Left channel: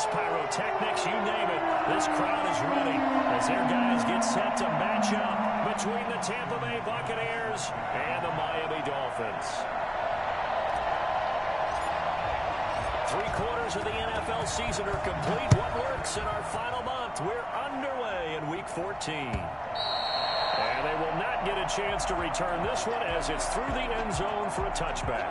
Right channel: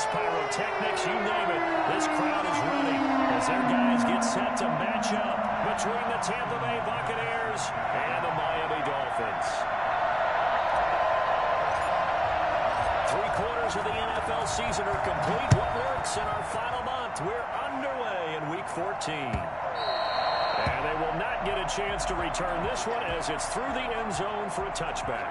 fireworks, pyrotechnics, you name it. This crowd is ready as their guys get set to match up between the Tampa Bay Buccaneers and the Miami Dolphins. 3/4 of the NFL season are complete. What works in our final month? We're underway in Week 14. And they will not get a chance to return this one as it's through the end zone for a touchback.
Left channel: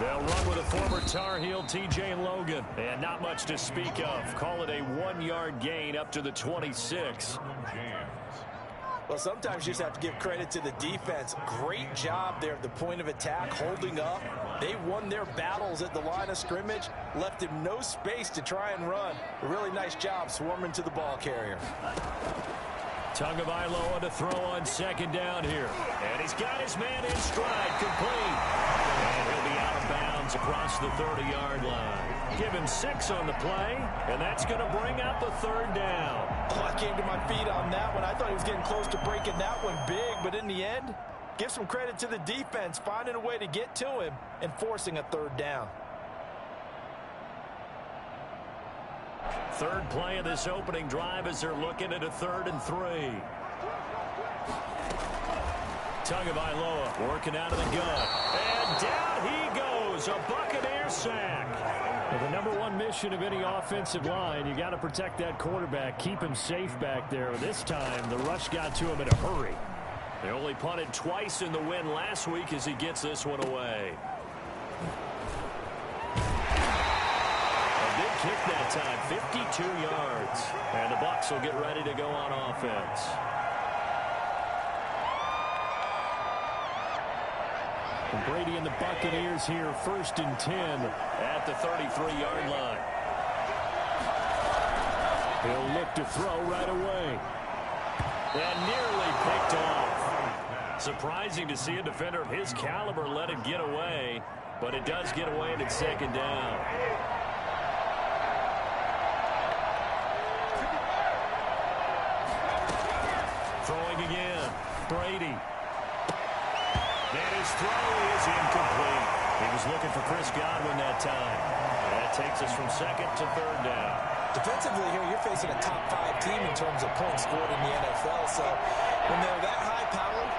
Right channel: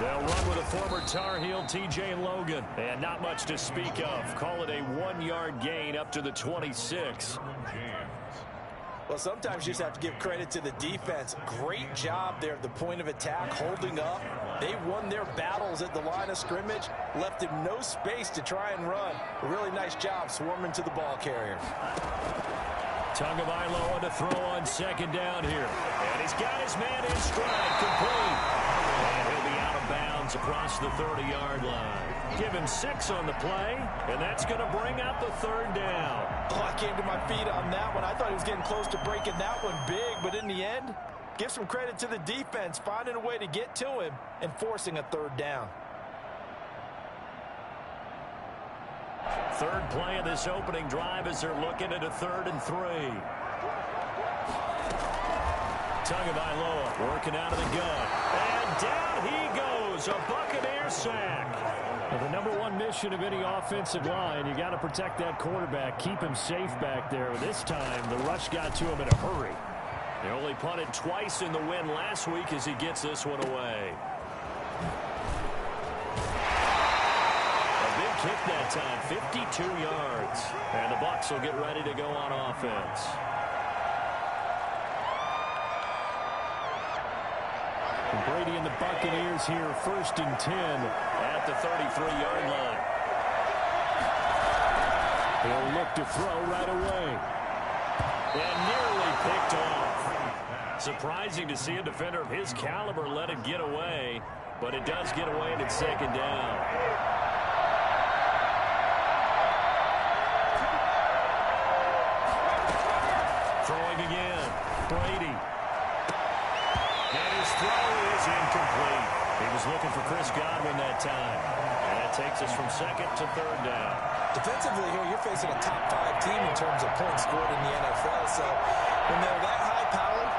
They'll run with a former Tar Heel, T.J. Logan. And not much to speak of. Call it a 1-yard gain up to the 26. Well, sometimes you just have to give credit to the defense. Great job there at the point of attack, holding up. They won their battles at the line of scrimmage, left him no space to try and run. A really nice job swarming to the ball carrier. Tagovailoa to throw on second down here. And he's got his man in stride, complete. And he'll be out of bounds across the 30-yard line. Give him 6 on the play, and that's going to bring up the third down. Oh, I came to my feet on that one. I thought he was getting close to breaking that one big, but in the end, give some credit to the defense, finding a way to get to him and forcing a third down. Third play of this opening drive as they're looking at a 3rd and 3. Tagovailoa working out of the gun. And down he goes. A Buccaneer sack. Well, the number one mission of any offensive line, you got to protect that quarterback, keep him safe back there. This time, the rush got to him in a hurry. They only punted twice in the win last week as he gets this one away. A big kick that time, 52 yards. And the Bucs will get ready to go on offense. And Brady and the Buccaneers here, 1st and 10 at the 33-yard line. He'll look to throw right away. And nearly picked off. Surprising to see a defender of his caliber let it get away, but it does get away and it's 2nd down. Throwing again. Brady. And his throw is incomplete. He was looking for Chris Godwin that time. And that takes us from 2nd to 3rd down. Defensively here, you're facing a top 5 team in terms of points scored in the NFL. So when they're that high-powered,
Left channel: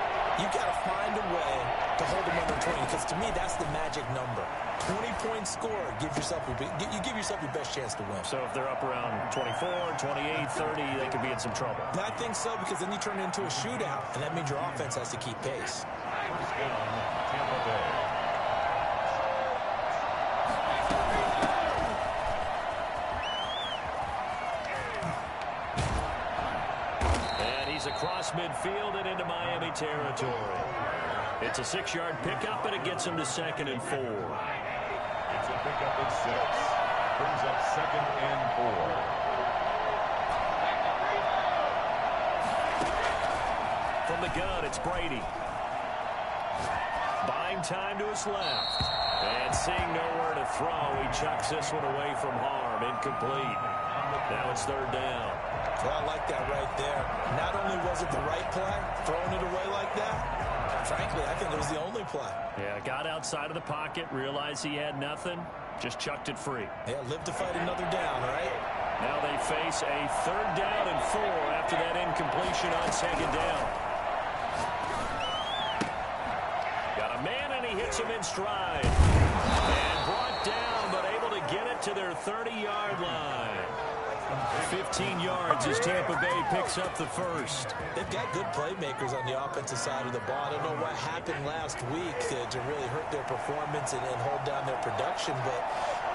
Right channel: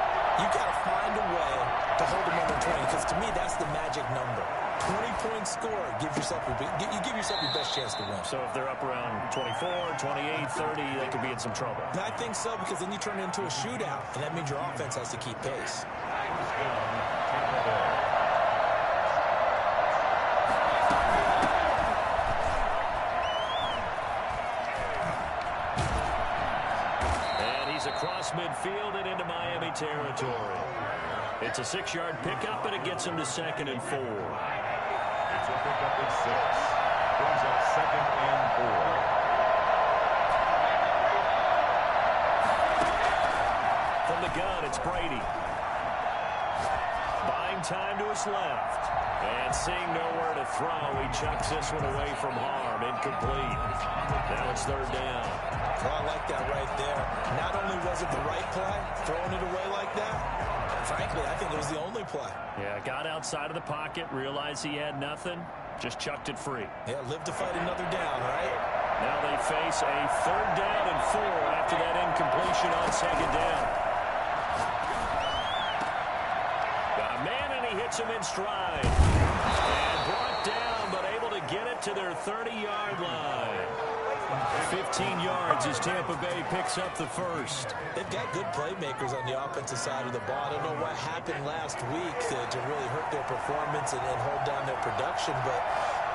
you got to find a way to hold them under 20. Because to me, that's the magic number. 20 points scored, you give yourself your best chance to win. So if they're up around 24, 28, 30, they could be in some trouble. I think so, because then you turn it into a shootout, and that means your offense has to keep pace. Tampa Bay. And he's across midfield and into Miami territory. It's a 6-yard pickup, and it gets him to 2nd and 4. It's a pickup at 6. Brings up 2nd and 4. From the gun, it's Brady. Buying time to his left. And seeing nowhere to throw, he chucks this one away from harm. Incomplete. Now it's 3rd down. Well, I like that right there. Not only was it the right play, throwing it away like that, frankly, I think it was the only play. Yeah, got outside of the pocket, realized he had nothing, just chucked it free. Yeah, live to fight another down, right? Now they face a 3rd down and 4 after that incompletion on 2nd down. Got a man, and he hits him in stride. And brought down, but able to get it to their 30-yard line. 15 yards as Tampa Bay picks up the first. They've got good playmakers on the offensive side of the ball. I don't know what happened last week to really hurt their performance and hold down their production, but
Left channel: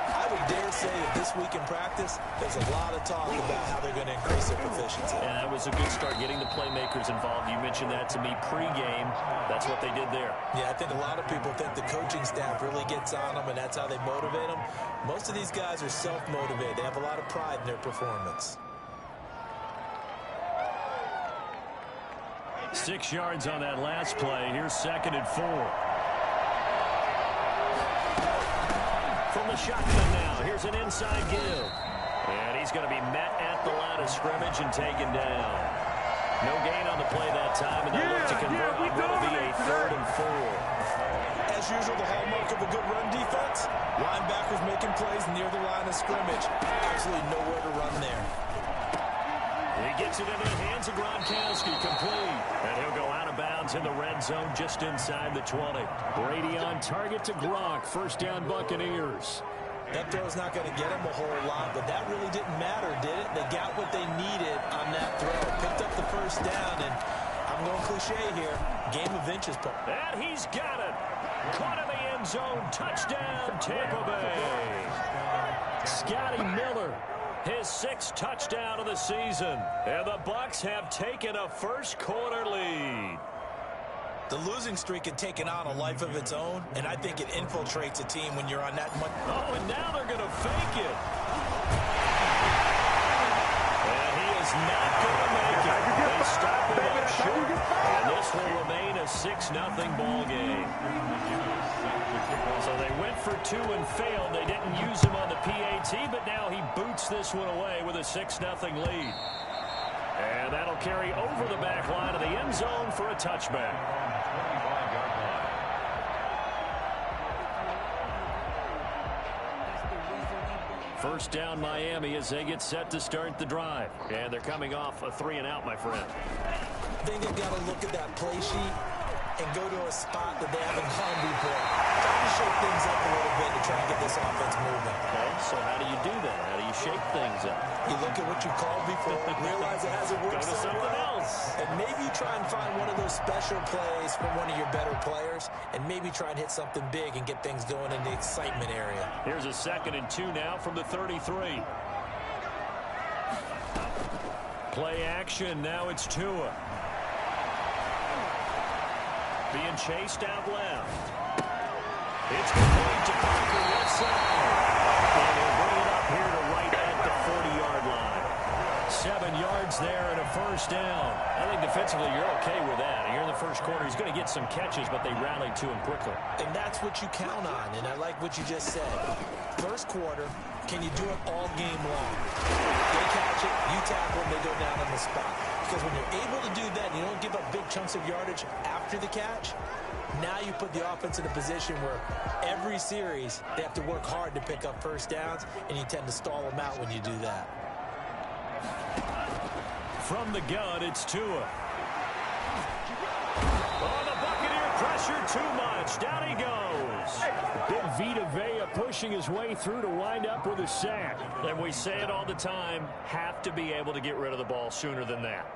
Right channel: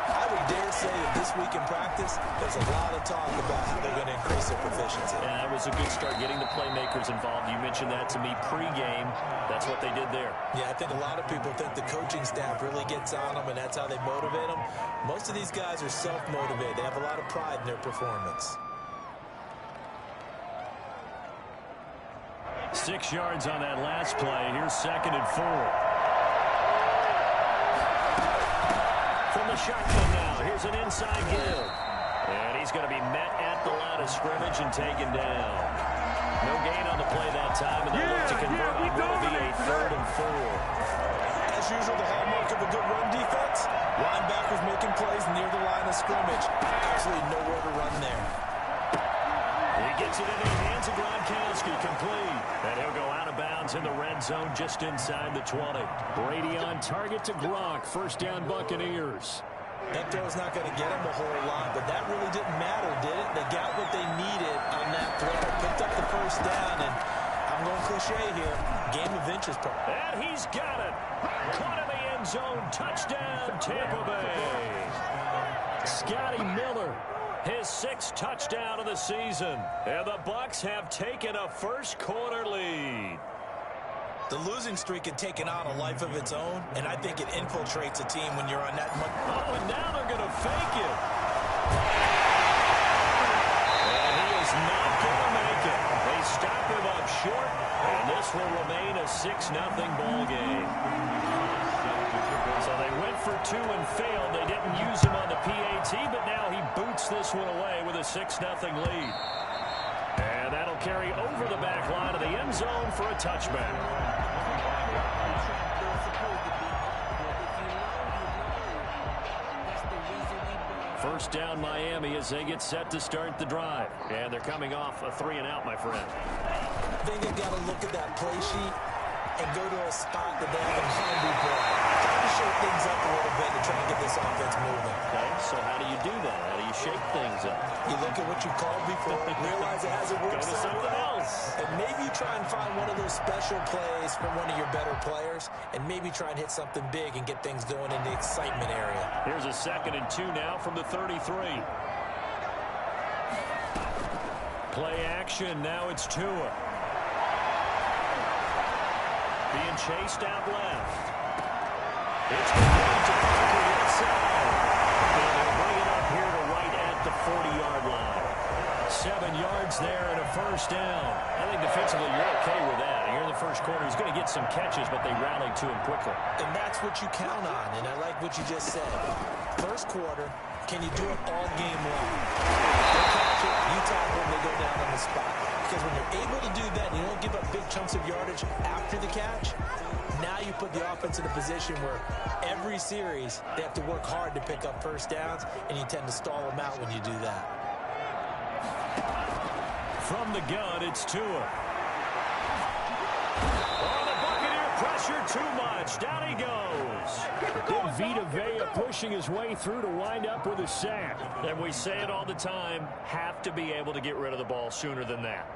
I would dare say that this week in practice, there's a lot of talk about how they're going to increase their proficiency. Yeah, that was a good start getting the playmakers involved. You mentioned that to me pregame. That's what they did there. Yeah, I think a lot of people think the coaching staff really gets on them, and that's how they motivate them. Most of these guys are self-motivated. They have a lot of pride in their performance. 6 yards on that last play. Here's 2nd and 4. shotgun now. Here's an inside give. And he's going to be met at the line of scrimmage and taken down. No gain on the play that time, and they look to convert on what will be a 3rd and 4. As usual, the hallmark of a good run defense, linebackers making plays near the line of scrimmage. Absolutely nowhere to run there. He gets it into the hands of Gronkowski, complete. And he'll go out of bounds in the red zone just inside the 20. Brady on target to Gronk. First down, Buccaneers. That throw's not going to get him a whole lot, but that really didn't matter, did it? They got what they needed on that throw. Picked up the first down, and I'm going cliche here. Game of inches. And he's got it. Caught in the end zone. Touchdown, Tampa Bay. Scotty Miller, his 6th touchdown of the season. And the Bucs have taken a first-quarter lead. The losing streak had taken on a life of its own, and I think it infiltrates a team when you're on that much. Oh, and now they're going to fake it. And he is not going to make it. They stop him up short, and this will remain a 6-0 ball game. So they went for 2 and failed. They didn't use him on the PAT, but now he boots this one away with a 6-0 lead. And that'll carry over the back line of the end zone for a touchback. First down, Miami, as they get set to start the drive. And they're coming off a 3-and-out, my friend. I think they've got to look at that play sheet and go to a spot that they haven't gone before. Trying to shake things up a little bit to try and get this offense moving. Okay, so how do you do that? How do you shake things up? You look at what you called before, realize it hasn't worked so well. Something else. And maybe you try and find one of those special plays from one of your better players, and maybe try and hit something big and get things going in the excitement area. Here's a 2nd and 2 now from the 33. Play action. Now it's Tua. Being chased out left. It's complete to Parker left side. And he'll bring it up here to right at the 40-yard line. 7 yards there and a first down. I think defensively you're okay with that. Here in the first quarter, he's going to get some catches, but they rallied to him quickly. And that's what you count on, and I like what you just said. First quarter, can you do it all game long? They catch it, you tackle them, they go down on the spot. Because when you're able to do that, you don't give up big chunks of yardage after the catch. Now you put the offense in a position where every series they have to work hard to pick up first downs, and you tend to stall them out when you do that. From the gun, it's Tua. Oh, the Buccaneer pressure too much. Down he goes. Big Vita Vea pushing his way through to wind up with a sack. And we say it all the time, have to be able to get rid of the ball sooner than that.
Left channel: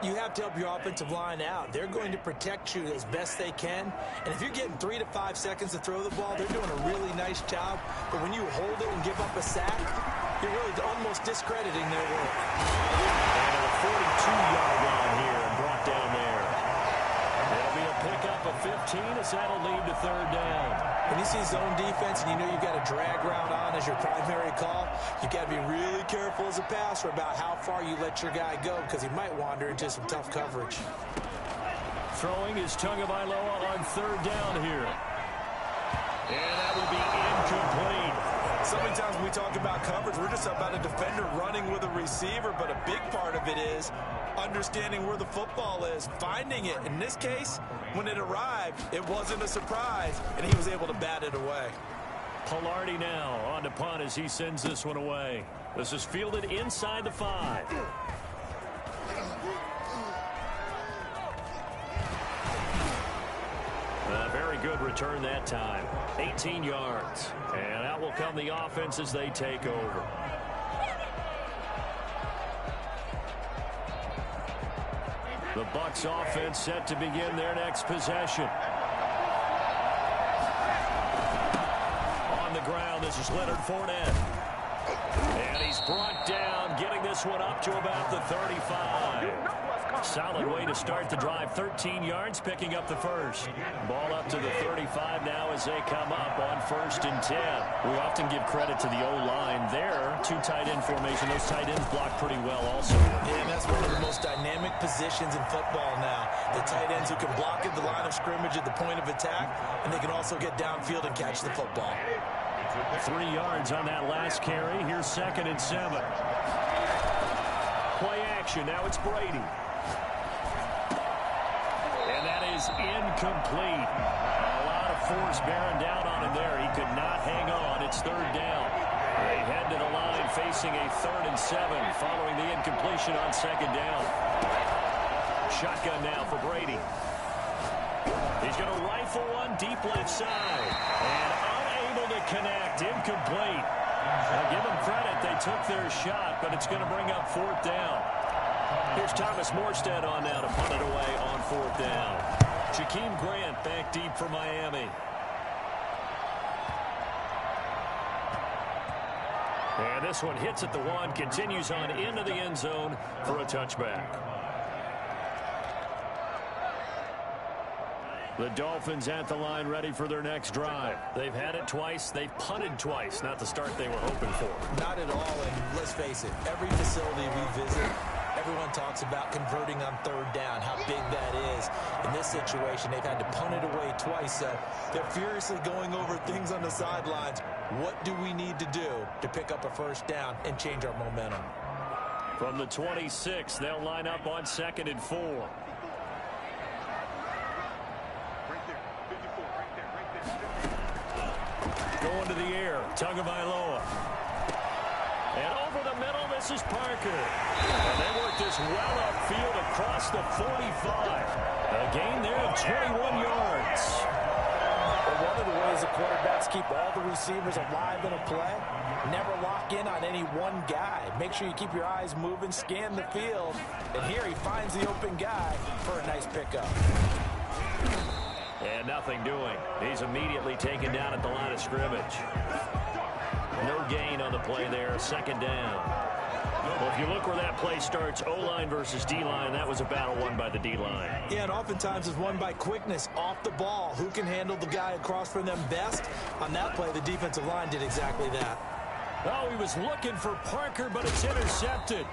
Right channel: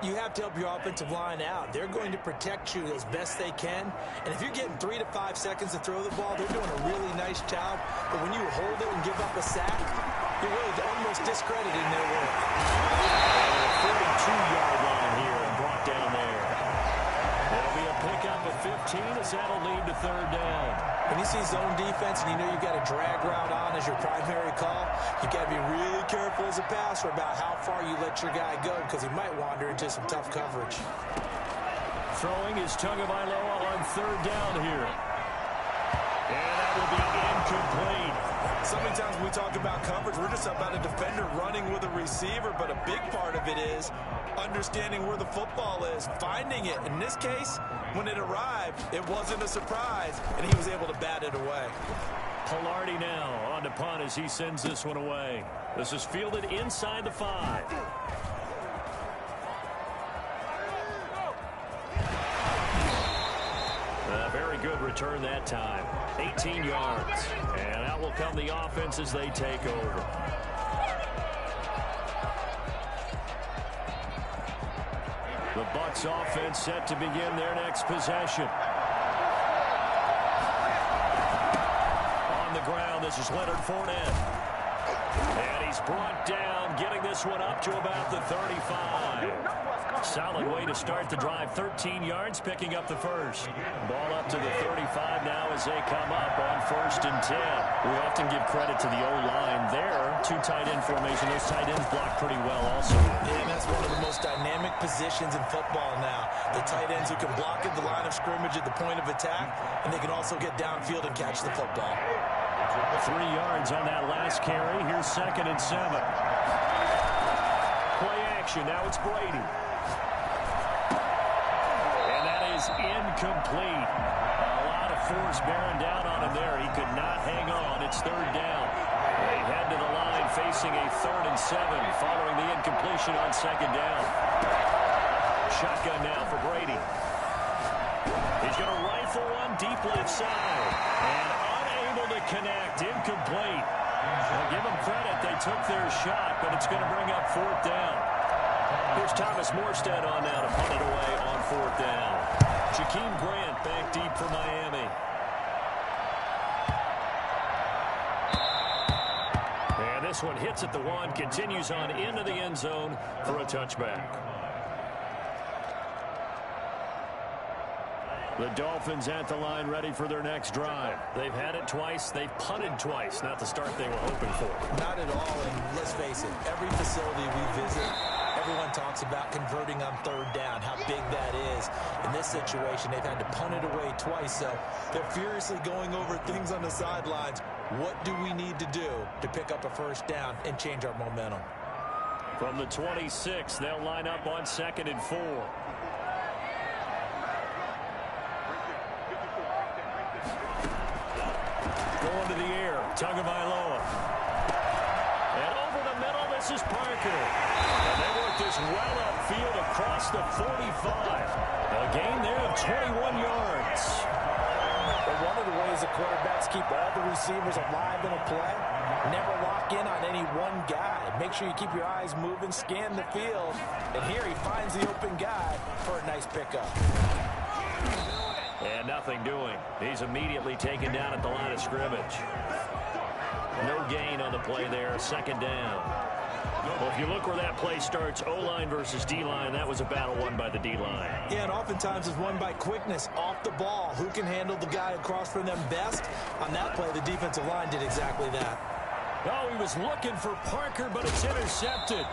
You have to help your offensive line out. They're going to protect you as best they can. And if you're getting 3 to 5 seconds to throw the ball, they're doing a really nice job. But when you hold it and give up a sack, you're really almost discrediting their work. And a 42-yard line here and brought down there. It'll be a pickup of 15 as that'll lead to 3rd down. When you see zone defense and you know you've got a drag route on as your primary call, you've got to be really careful as a passer about how far you let your guy go because he might wander into some tough coverage. Throwing is Tagovailoa on 3rd down here. And that will be incomplete. So many times when we talk about coverage, we're just about a defender running with a receiver, but a big part of it is understanding where the football is, finding it. In this case, when it arrived, it wasn't a surprise, and he was able to bat it away. Palardy now on to punt as he sends this one away. This is fielded inside the 5. A very good return that time. 18 yards. And out will come the offense as they take over. The Bucs offense set to begin their next possession. On the ground, this is Leonard Fournette. And he's brought down, getting this one up to about the 35. Solid way to start the drive. 13 yards, picking up the first. Ball up to the 35 now as they come up on 1st and 10. We often give credit to the O-line there. 2 tight end formation. Those tight ends block pretty well also. Yeah, and that's one of the most dynamic positions in football now. The tight ends who can block at the line of scrimmage at the point of attack, and they can also get downfield and catch the football. 3 yards on that last carry. Here's 2nd and 7. Play action. Now it's Brady. And that is incomplete. A lot of force bearing down on him there. He could not hang on. It's 3rd down. They head to the line facing a 3rd and 7 following the incompletion on 2nd down. Shotgun now for Brady. He's going to rifle one deep left side. And unable to connect. Incomplete. Now give them credit. They took their shot, but it's going to bring up 4th down. Here's Thomas Morstead on now to punt it away on 4th down. Jakeem Grant back deep for Miami. And this one hits at the 1, continues on into the end zone for a touchback. The Dolphins at the line ready for their next drive. They've had it twice. They've punted twice. Not the start they were hoping for. Not at all, and let's face it, every facility we visit, everyone talks about converting on 3rd down, how big that is. In this situation, they've had to punt it away twice, so they're furiously going over things on the sidelines. What do we need to do to pick up a 1st down and change our momentum? From the 26, they'll line up on 2nd and 4. Going to the air, Tagovailoa. And over the middle, this is Parker. And they work this well upfield across the 45. A gain there of 21 yards. But one of the ways the quarterbacks keep all the receivers alive in a play, never lock in on any one guy. Make sure you keep your eyes moving, scan the field. And here he finds the open guy for a nice pickup. And nothing doing. He's immediately taken down at the line of scrimmage. No gain on the play there. 2nd down. Well, if you look where that play starts, O-line versus D-line, that was a battle won by the D-line. Yeah, and oftentimes it's won by quickness off the ball. Who can handle the guy across from them best? On that play, the defensive line did exactly that. Oh, he was looking for Parker, but it's intercepted.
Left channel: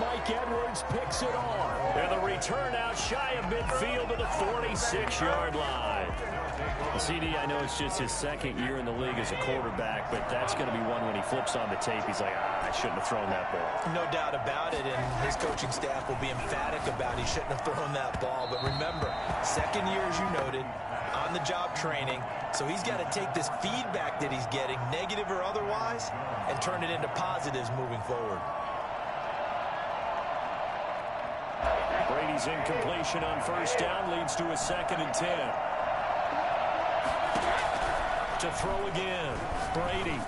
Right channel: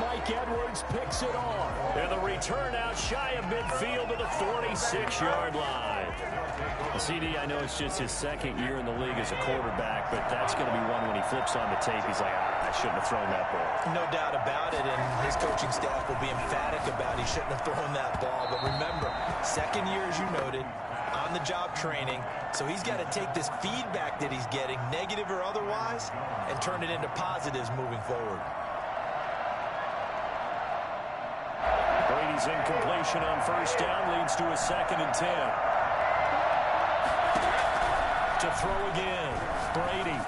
Mike Edwards picks it off. And the return out shy of midfield to the 46-yard line. CD, I know it's just his 2nd year in the league as a quarterback, but that's going to be one when he flips on the tape. He's like, I shouldn't have thrown that ball. No doubt about it, and his coaching staff will be emphatic about he shouldn't have thrown that ball. But remember, 2nd year, as you noted, on-the-job training, so he's got to take this feedback that he's getting, negative or otherwise, and turn it into positives moving forward. Brady's incompletion on 1st down leads to a 2nd and 10. To throw again, Brady.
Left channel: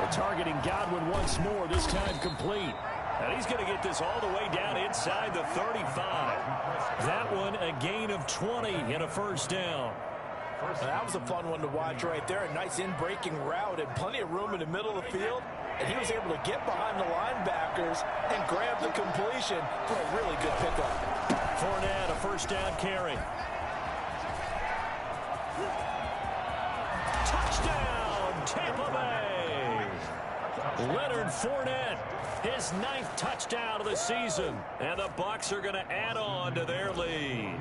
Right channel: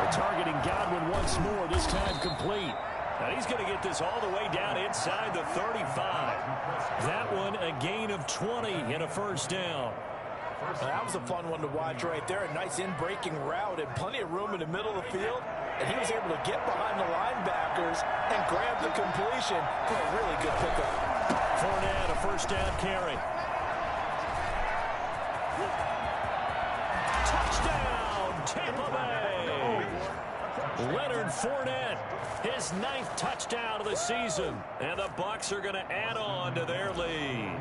They're targeting Godwin once more, this time complete. And he's going to get this all the way down inside the 35. That one a gain of 20 and a 1st down. That was a fun one to watch right there. A nice in-breaking route and plenty of room in the middle of the field. And he was able to get behind the linebackers and grab the completion for a really good pickup. Fournette, a 1st down carry. Touchdown, Tampa Bay. Leonard Fournette, his 9th touchdown of the season. And the Bucs are going to add on to their lead.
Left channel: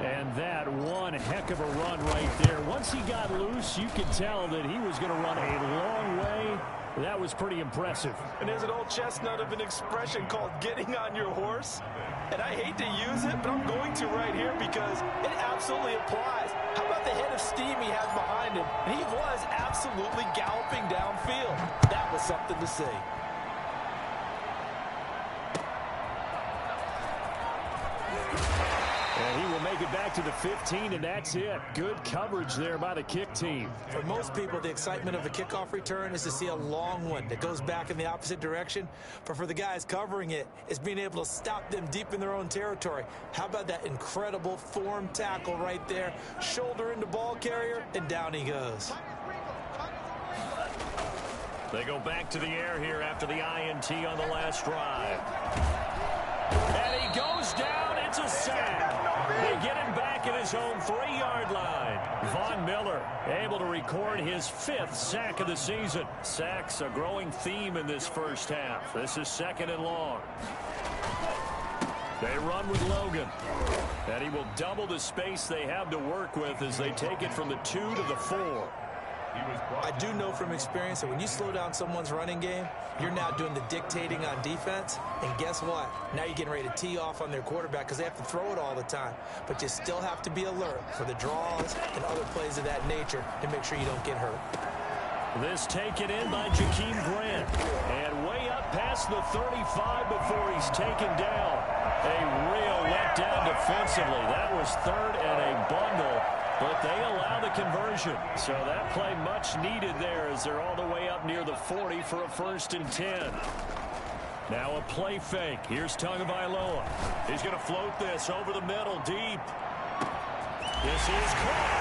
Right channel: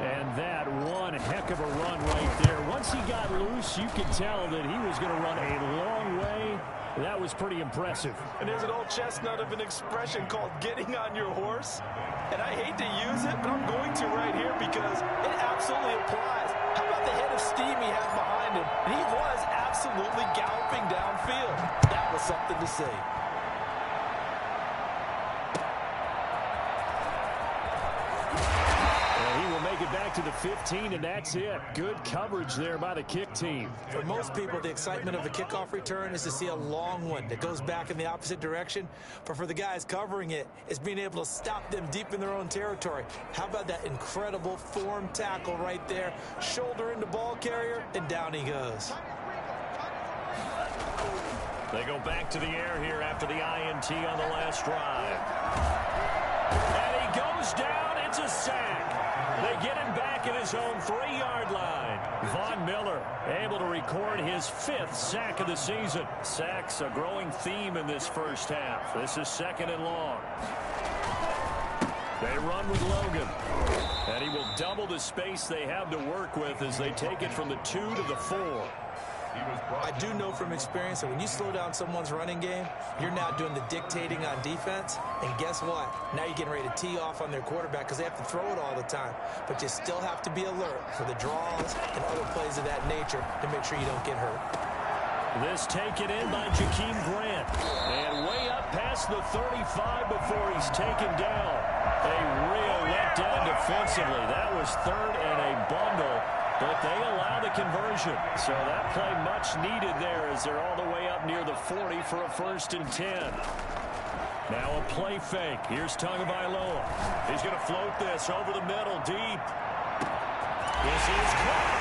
And that one heck of a run right there. Once he got loose, you could tell that he was going to run a long way. That was pretty impressive. And there's an old chestnut of an expression called getting on your horse. And I hate to use it, but I'm going to right here because it absolutely applies. How about the head of steam he had behind him? And he was absolutely galloping downfield. That was something to see. And he will make it back to the 15, and that's it. Good coverage there by the kick team. For most people, the excitement of a kickoff return is to see a long one that goes back in the opposite direction. But for the guys covering it, it's being able to stop them deep in their own territory. How about that incredible form tackle right there? Shoulder into ball carrier, and down he goes. They go back to the air here after the INT on the last drive. And he goes down. It's a sack. They get him back at his own 3-yard line. Von Miller able to record his 5th sack of the season. Sacks a growing theme in this first half. This is 2nd and long. They run with Logan. And he will double the space they have to work with as they take it from the 2 to the 4. I do know from experience that when you slow down someone's running game, you're now doing the dictating on defense. And guess what? Now you're getting ready to tee off on their quarterback because they have to throw it all the time. But you still have to be alert for the draws and other plays of that nature to make sure you don't get hurt. This taken in by Jakeem Grant. And way up past the 35 before he's taken down. A real letdown defensively. That was third and a bundle. But they allow the conversion. So that play much needed there as they're all the way up near the 40 for a 1st and 10. Now a play fake. Here's Tagovailoa. He's going to float this over the middle deep. This is caught.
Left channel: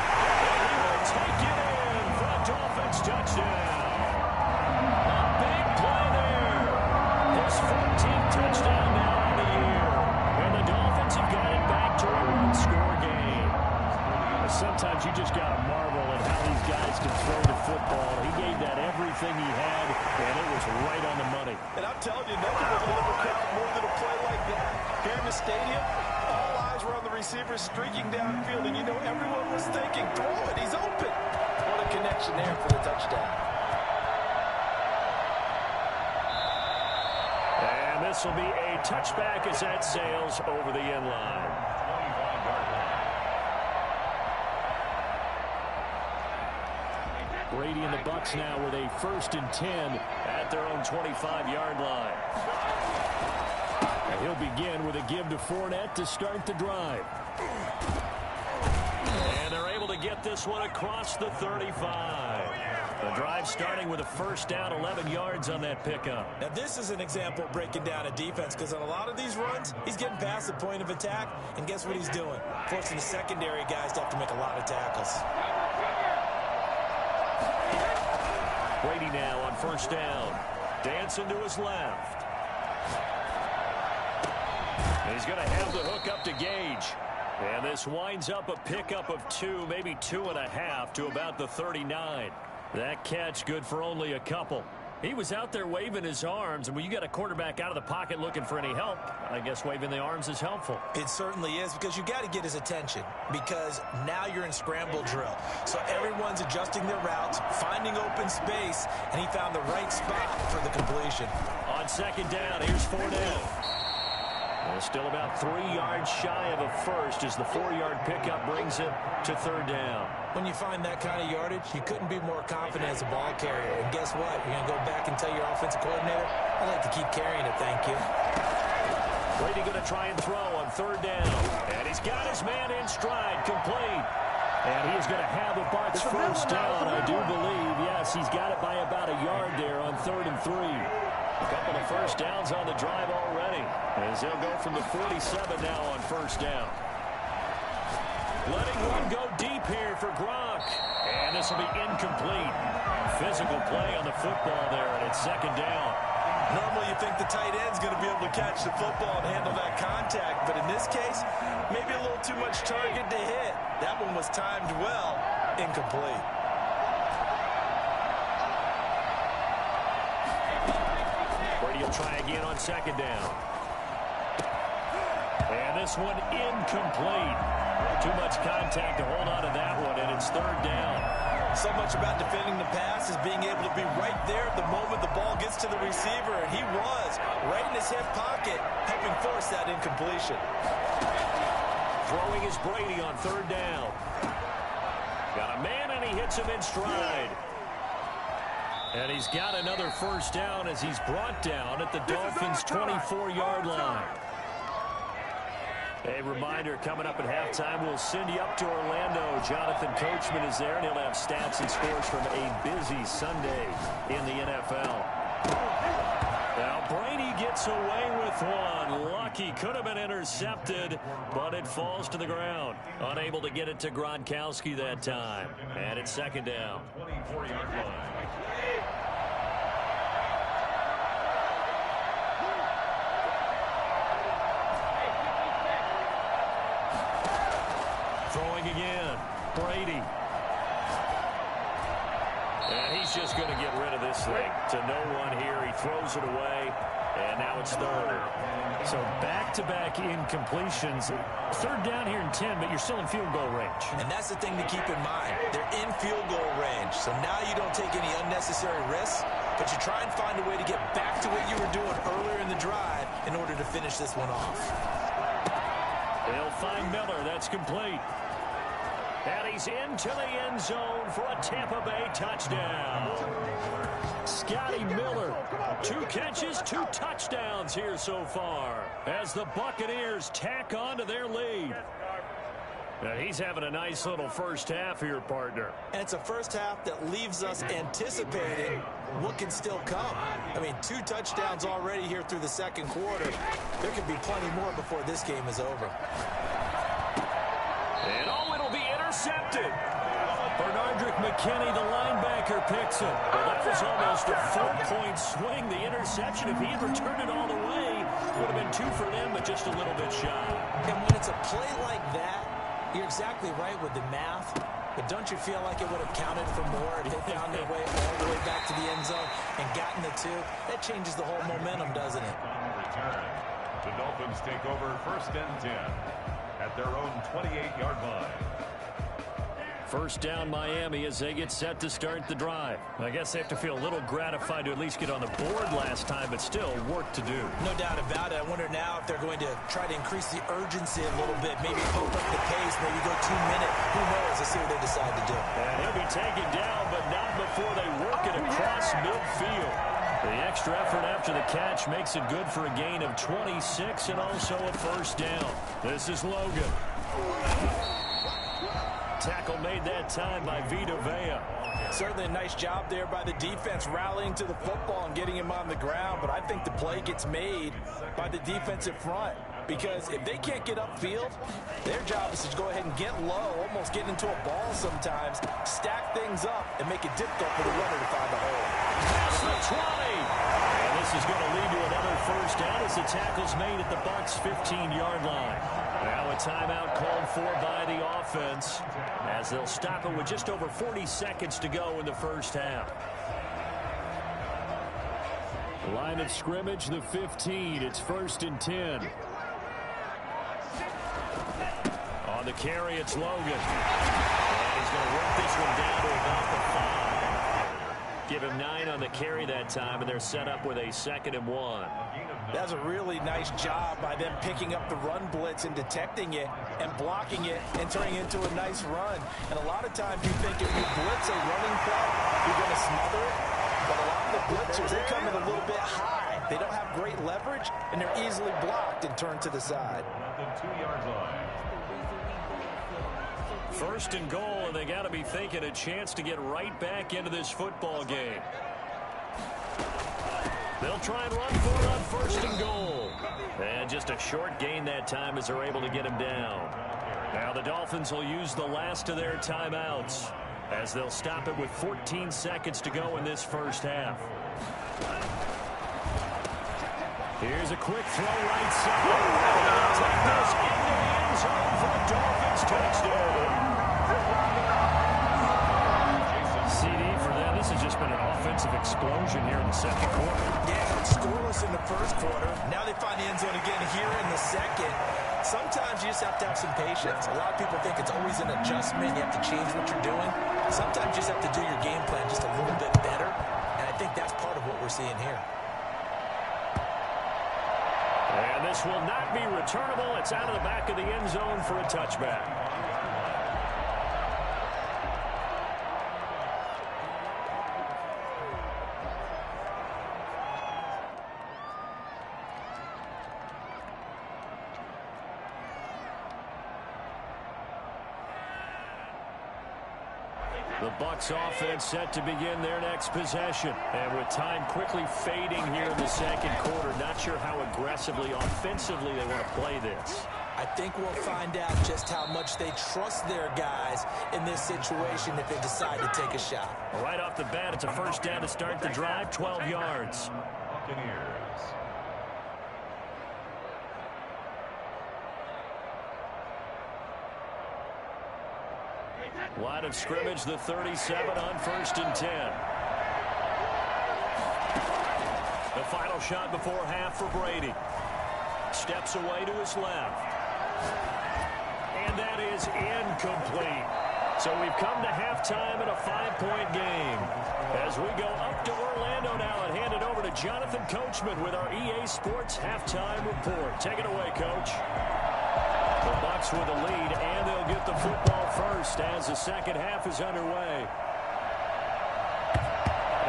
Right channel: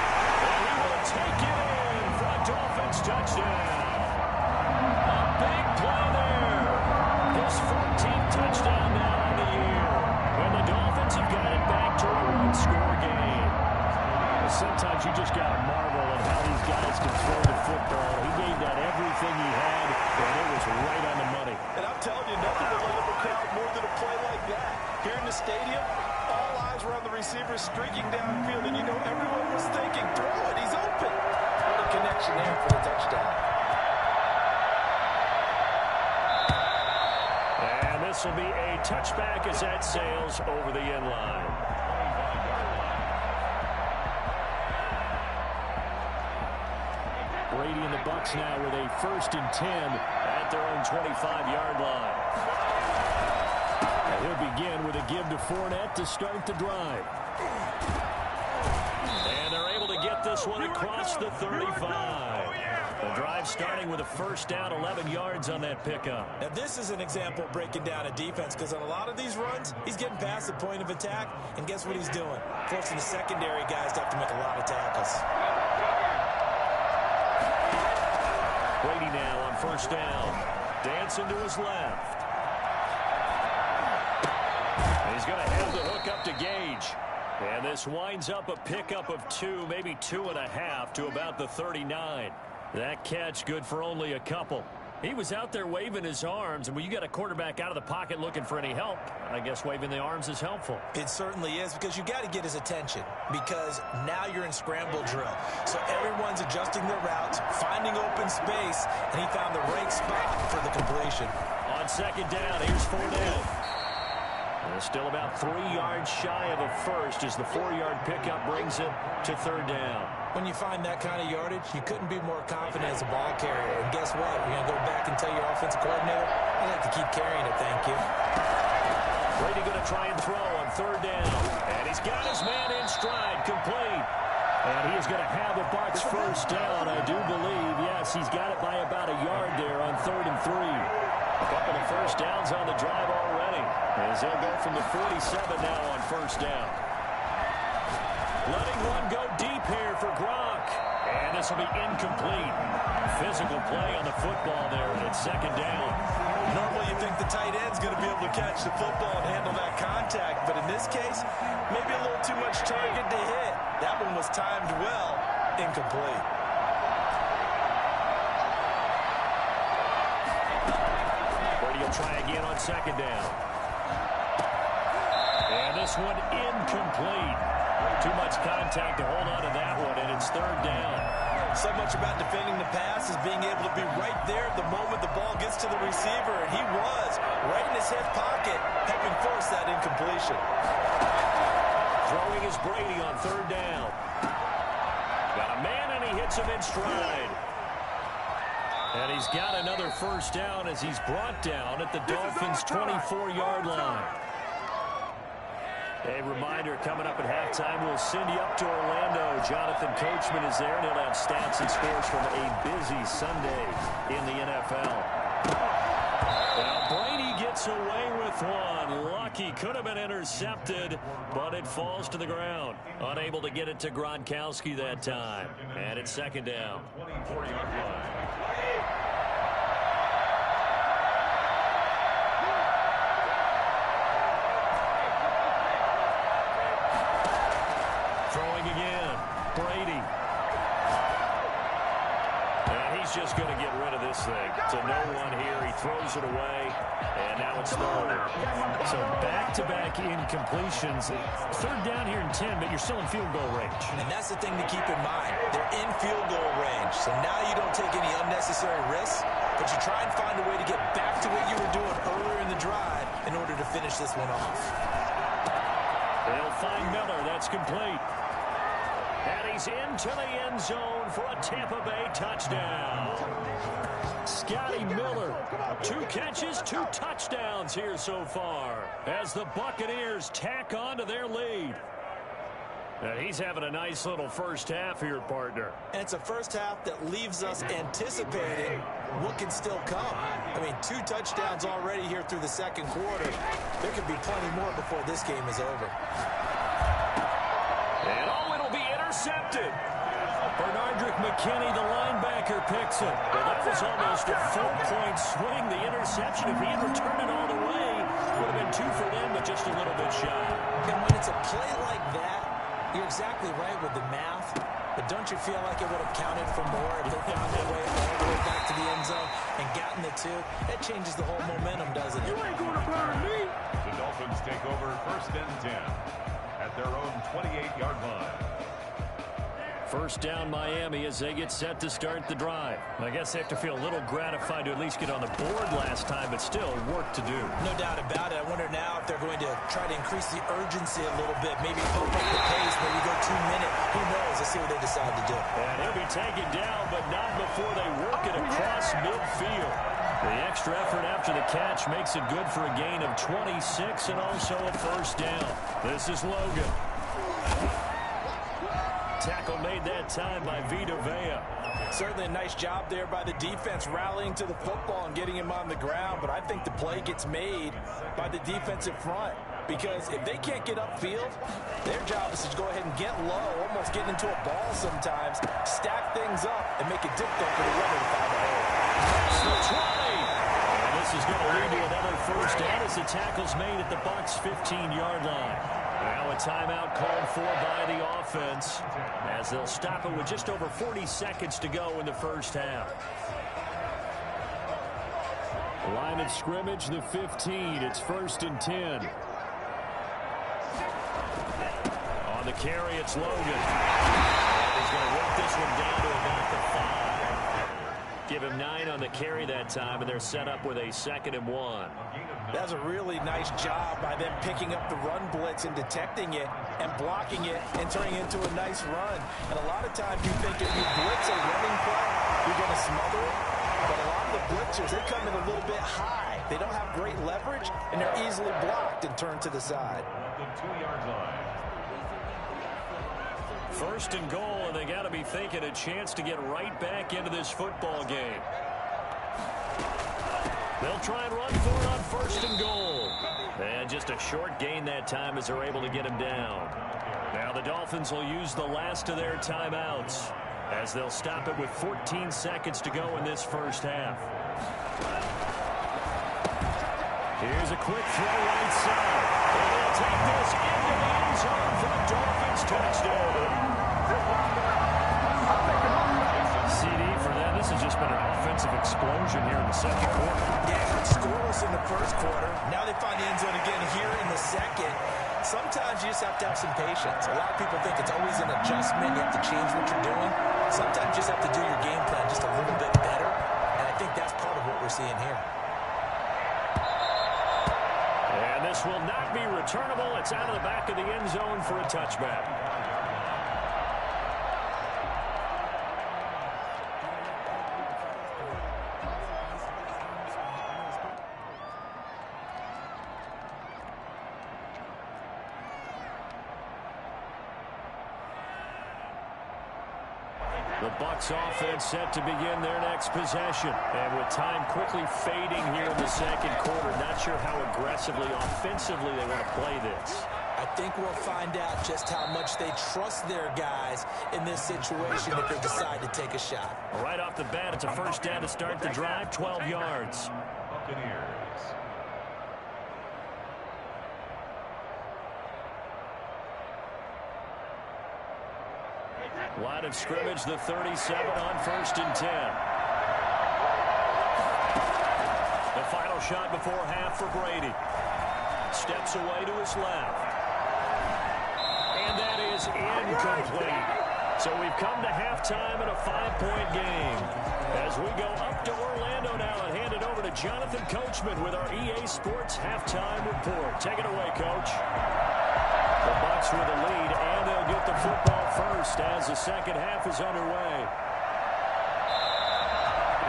And he will take it in for a Dolphins touchdown. A big play there. His 14th touchdown now on the year. And the Dolphins have got it back to a one-score game. Sometimes you just got to marvel at how these guys can throw the football. He gave that everything he had, and it was right on the money. And I'm telling you, nothing will light up a crowd more than a play like that. Here in the stadium, all eyes were on the receiver streaking downfield, and you know everyone was thinking, throw it, he's open. What a connection there for the touchdown. And this will be a touchback as that sails over the end line. Brady and the Bucs now with a 1st and 10 at their own 25-yard line. And he'll begin with a give to Fournette to start the drive. And they're able to get this one across the 35. The drive starting with a 1st down, 11 yards on that pickup. Now this is an example of breaking down a defense because on a lot of these runs, he's getting past the point of attack, and guess what he's doing? Forcing the secondary guys to have to make a lot of tackles. Brady now on 1st down. Dancing to his left. And he's going to have the hook up to Gage. And this winds up a pickup of 2, maybe 2.5 to about the 39. That catch good for only a couple. He was out there waving his arms, and when you got a quarterback out of the pocket looking for any help, I guess waving the arms is helpful. It certainly is, because you got to get his attention, because now you're in scramble drill. So everyone's adjusting their routes, finding open space, and he found the right spot for the completion. On 2nd down, here's Fournette. And still about 3 yards shy of a 1st as the 4-yard pickup brings it to 3rd down. When you find that kind of yardage, you couldn't be more confident as a ball carrier. And guess what? You're going to go back and tell your offensive coordinator, I like to keep carrying it, thank you. Brady going to try and throw on 3rd down. And he's got his man in stride, complete. And he is going to have the Bucs 1st down, I do believe. Yes, he's got it by about a yard there on 3rd and 3. A couple of 1st downs on the drive already, as they'll go from the 47 now on 1st down. Letting one go deep here for Gronk. And this will be incomplete. Physical play on the football there, and it's 2nd down. Normally you think the tight end's going to be able to catch the football and handle that contact, but in this case, maybe a little too much target to hit. That one was timed well, incomplete. Brady will try again on 2nd down. And this one incomplete. Too much contact to hold on to that one, and it's 3rd down. So much about defending the pass is being able to be right there at the moment the ball gets to the receiver, and he was right in his hip pocket, helping force that incompletion. Throwing is Brady on 3rd down. Got a man, and he hits him in stride. And he's got another 1st down as he's brought down at the Dolphins' 24-yard line. A reminder, coming up at halftime, we'll send you up to Orlando. Jonathan Coachman is there, and he'll have stats and scores from a busy Sunday in the NFL. Now, Brady gets away with one. Lucky, could have been intercepted, but it falls to the ground. Unable to get it to Gronkowski that time. And it's 2nd down. 24-yard line. Throwing again, Brady. And he's just going to get rid of this thing to no one here. He throws it away, and now it's 3rd. So back-to-back incompletions. 3rd down here in 10, but you're still in field goal range. And that's the thing to keep in mind. They're in field goal range. So now you don't take any unnecessary risks, but you try and find a way to get back to what you were doing earlier in the drive in order to finish this one off. They'll find Miller. That's complete. And he's into the end zone for a Tampa Bay touchdown. Scotty Miller, 2 catches, 2 touchdowns here so far as the Buccaneers tack on to their lead. And he's having a nice little first half here, partner. And it's a first half that leaves us anticipating what can still come. I mean, 2 touchdowns already here through the second quarter. There could be plenty more before this game is over. And it'll be intercepted. Bernardrick McKinney, the linebacker, picks it. Well, that was almost a 4-point swing. The interception, if he had returned it all the way, would have been 2 for them, but just a little bit shy. And when it's a play like that, you're exactly right with the math, but don't you feel like it would have counted for more if they found their way all the way back to the end zone and gotten the 2? That changes the whole momentum, doesn't it? The Dolphins take over 1st and 10 at their own 28-yard line. First down Miami as they get set to start the drive. I guess they have to feel a little gratified to at least get on the board last time, but still work to do. No doubt about it. I wonder now if they're going to try to increase the urgency a little bit, maybe pump up the pace, maybe go 2-minute. Who knows? Let's see what they decide to do. And he'll be taken down, but not before they work it across midfield. The extra effort after the catch makes it good for a gain of 26 and also a first down. This is Logan. Tackle made that time by Vita Vea. Certainly a nice job there by the defense rallying to the football and getting him on the ground, but I think the play gets made by the defensive front because if they can't get upfield, their job is to go ahead and get low, almost get into a ball sometimes, stack things up, and make it difficult for the runner to find the hole. Past the 20. And this is going to lead to another first down as the tackle's made at the Bucs' 15-yard line. Now a timeout called for by the offense as they'll stop it with just over 40 seconds to go in the first half. Line of scrimmage, the 15. It's 1st and 10. On the carry, it's Logan. And he's going to work this one down to about the 5. Give him 9 on the carry that time, and they're set up with a 2nd and 1. That's a really nice job by them picking up the run blitz and detecting it and blocking it and turning it into a nice run. And a lot of times you think if you blitz a running play, you're going to smother it. But a lot of the blitzers, they come in a little bit high. They don't have great leverage, and they're easily blocked and turned to the side. The 2-yard line. 1st and goal, and they got to be thinking a chance to get right back into this football game. They'll try and run for it on 1st and goal. And just a short gain that time as they're able to get him down. Now the Dolphins will use the last of their timeouts as they'll stop it with 14 seconds to go in this first half. Here's a quick throw right side. And they'll take this into the end zone for a Dolphins touchdown. CD for them. This has just been an offensive explosion here in the second quarter. Yeah, scoreless in the first quarter. Now they find the end zone again here in the second. Sometimes you just have to have some patience. A lot of people think it's always an adjustment. You have to change what you're doing. Sometimes you just have to do your game plan just a little bit better. And I think that's part of what we're seeing here. And this will not be returnable. It's out of the back of the end zone for a touchback. The Bucs offense set to begin their next possession. And with time quickly fading here in the second quarter, not sure how aggressively, offensively they want to play this. I think we'll find out just how much they trust their guys in this situation if they decide to take a shot. Right off the bat, it's a first down to start the drive, 12 yards. Buccaneers. Line of scrimmage, the 37 on 1st and 10. The final shot before half for Brady. Steps away to his left. And that is incomplete. So we've come to halftime in a 5-point game. As we go up to Orlando now and hand it over to Jonathan Coachman with our EA Sports Halftime Report. Take it away, Coach. The Bucs with a lead, and they'll get the football first as the second half is underway.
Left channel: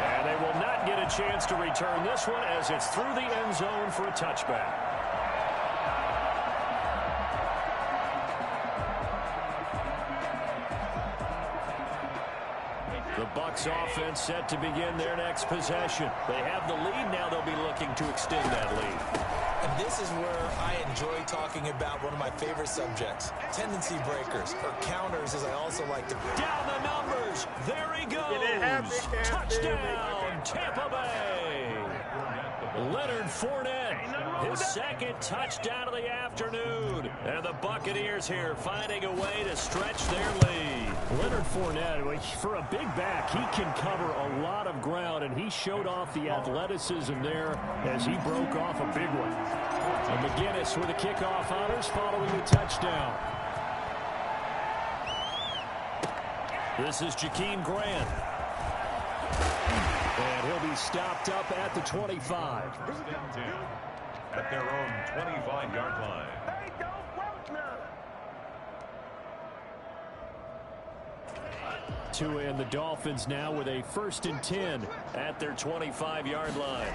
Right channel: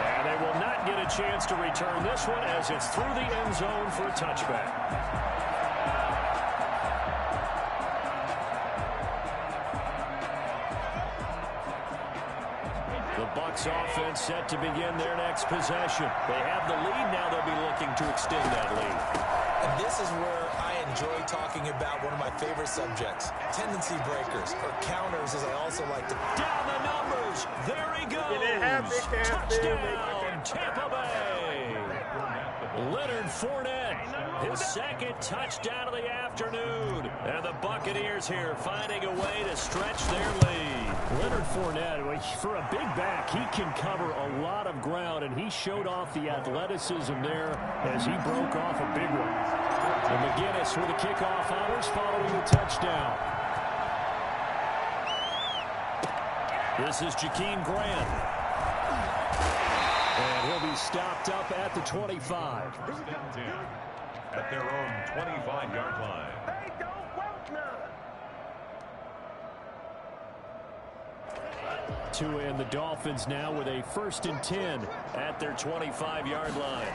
And they will not get a chance to return this one as it's through the end zone for a touchback. The Bucs offense set to begin their next possession. They have the lead. Now they'll be looking to extend that lead. And this is where I enjoy talking about one of my favorite subjects, tendency breakers, or counters, as I also like to. Down the numbers. There he goes. Touchdown, Tampa Bay. Leonard Fournette, his second touchdown of the afternoon. And the Buccaneers here finding a way to stretch their lead. Leonard Fournette, for a big back, he can cover a lot of ground, and he showed off the athleticism there as he broke off a big one. And McGinnis with the kickoff honors following the touchdown. This is Jakeem Grant. And he'll be stopped up at the 25. First and 10 at their own 25-yard line. They don't want none. Tua and the Dolphins now with a 1st and 10 at their 25-yard line.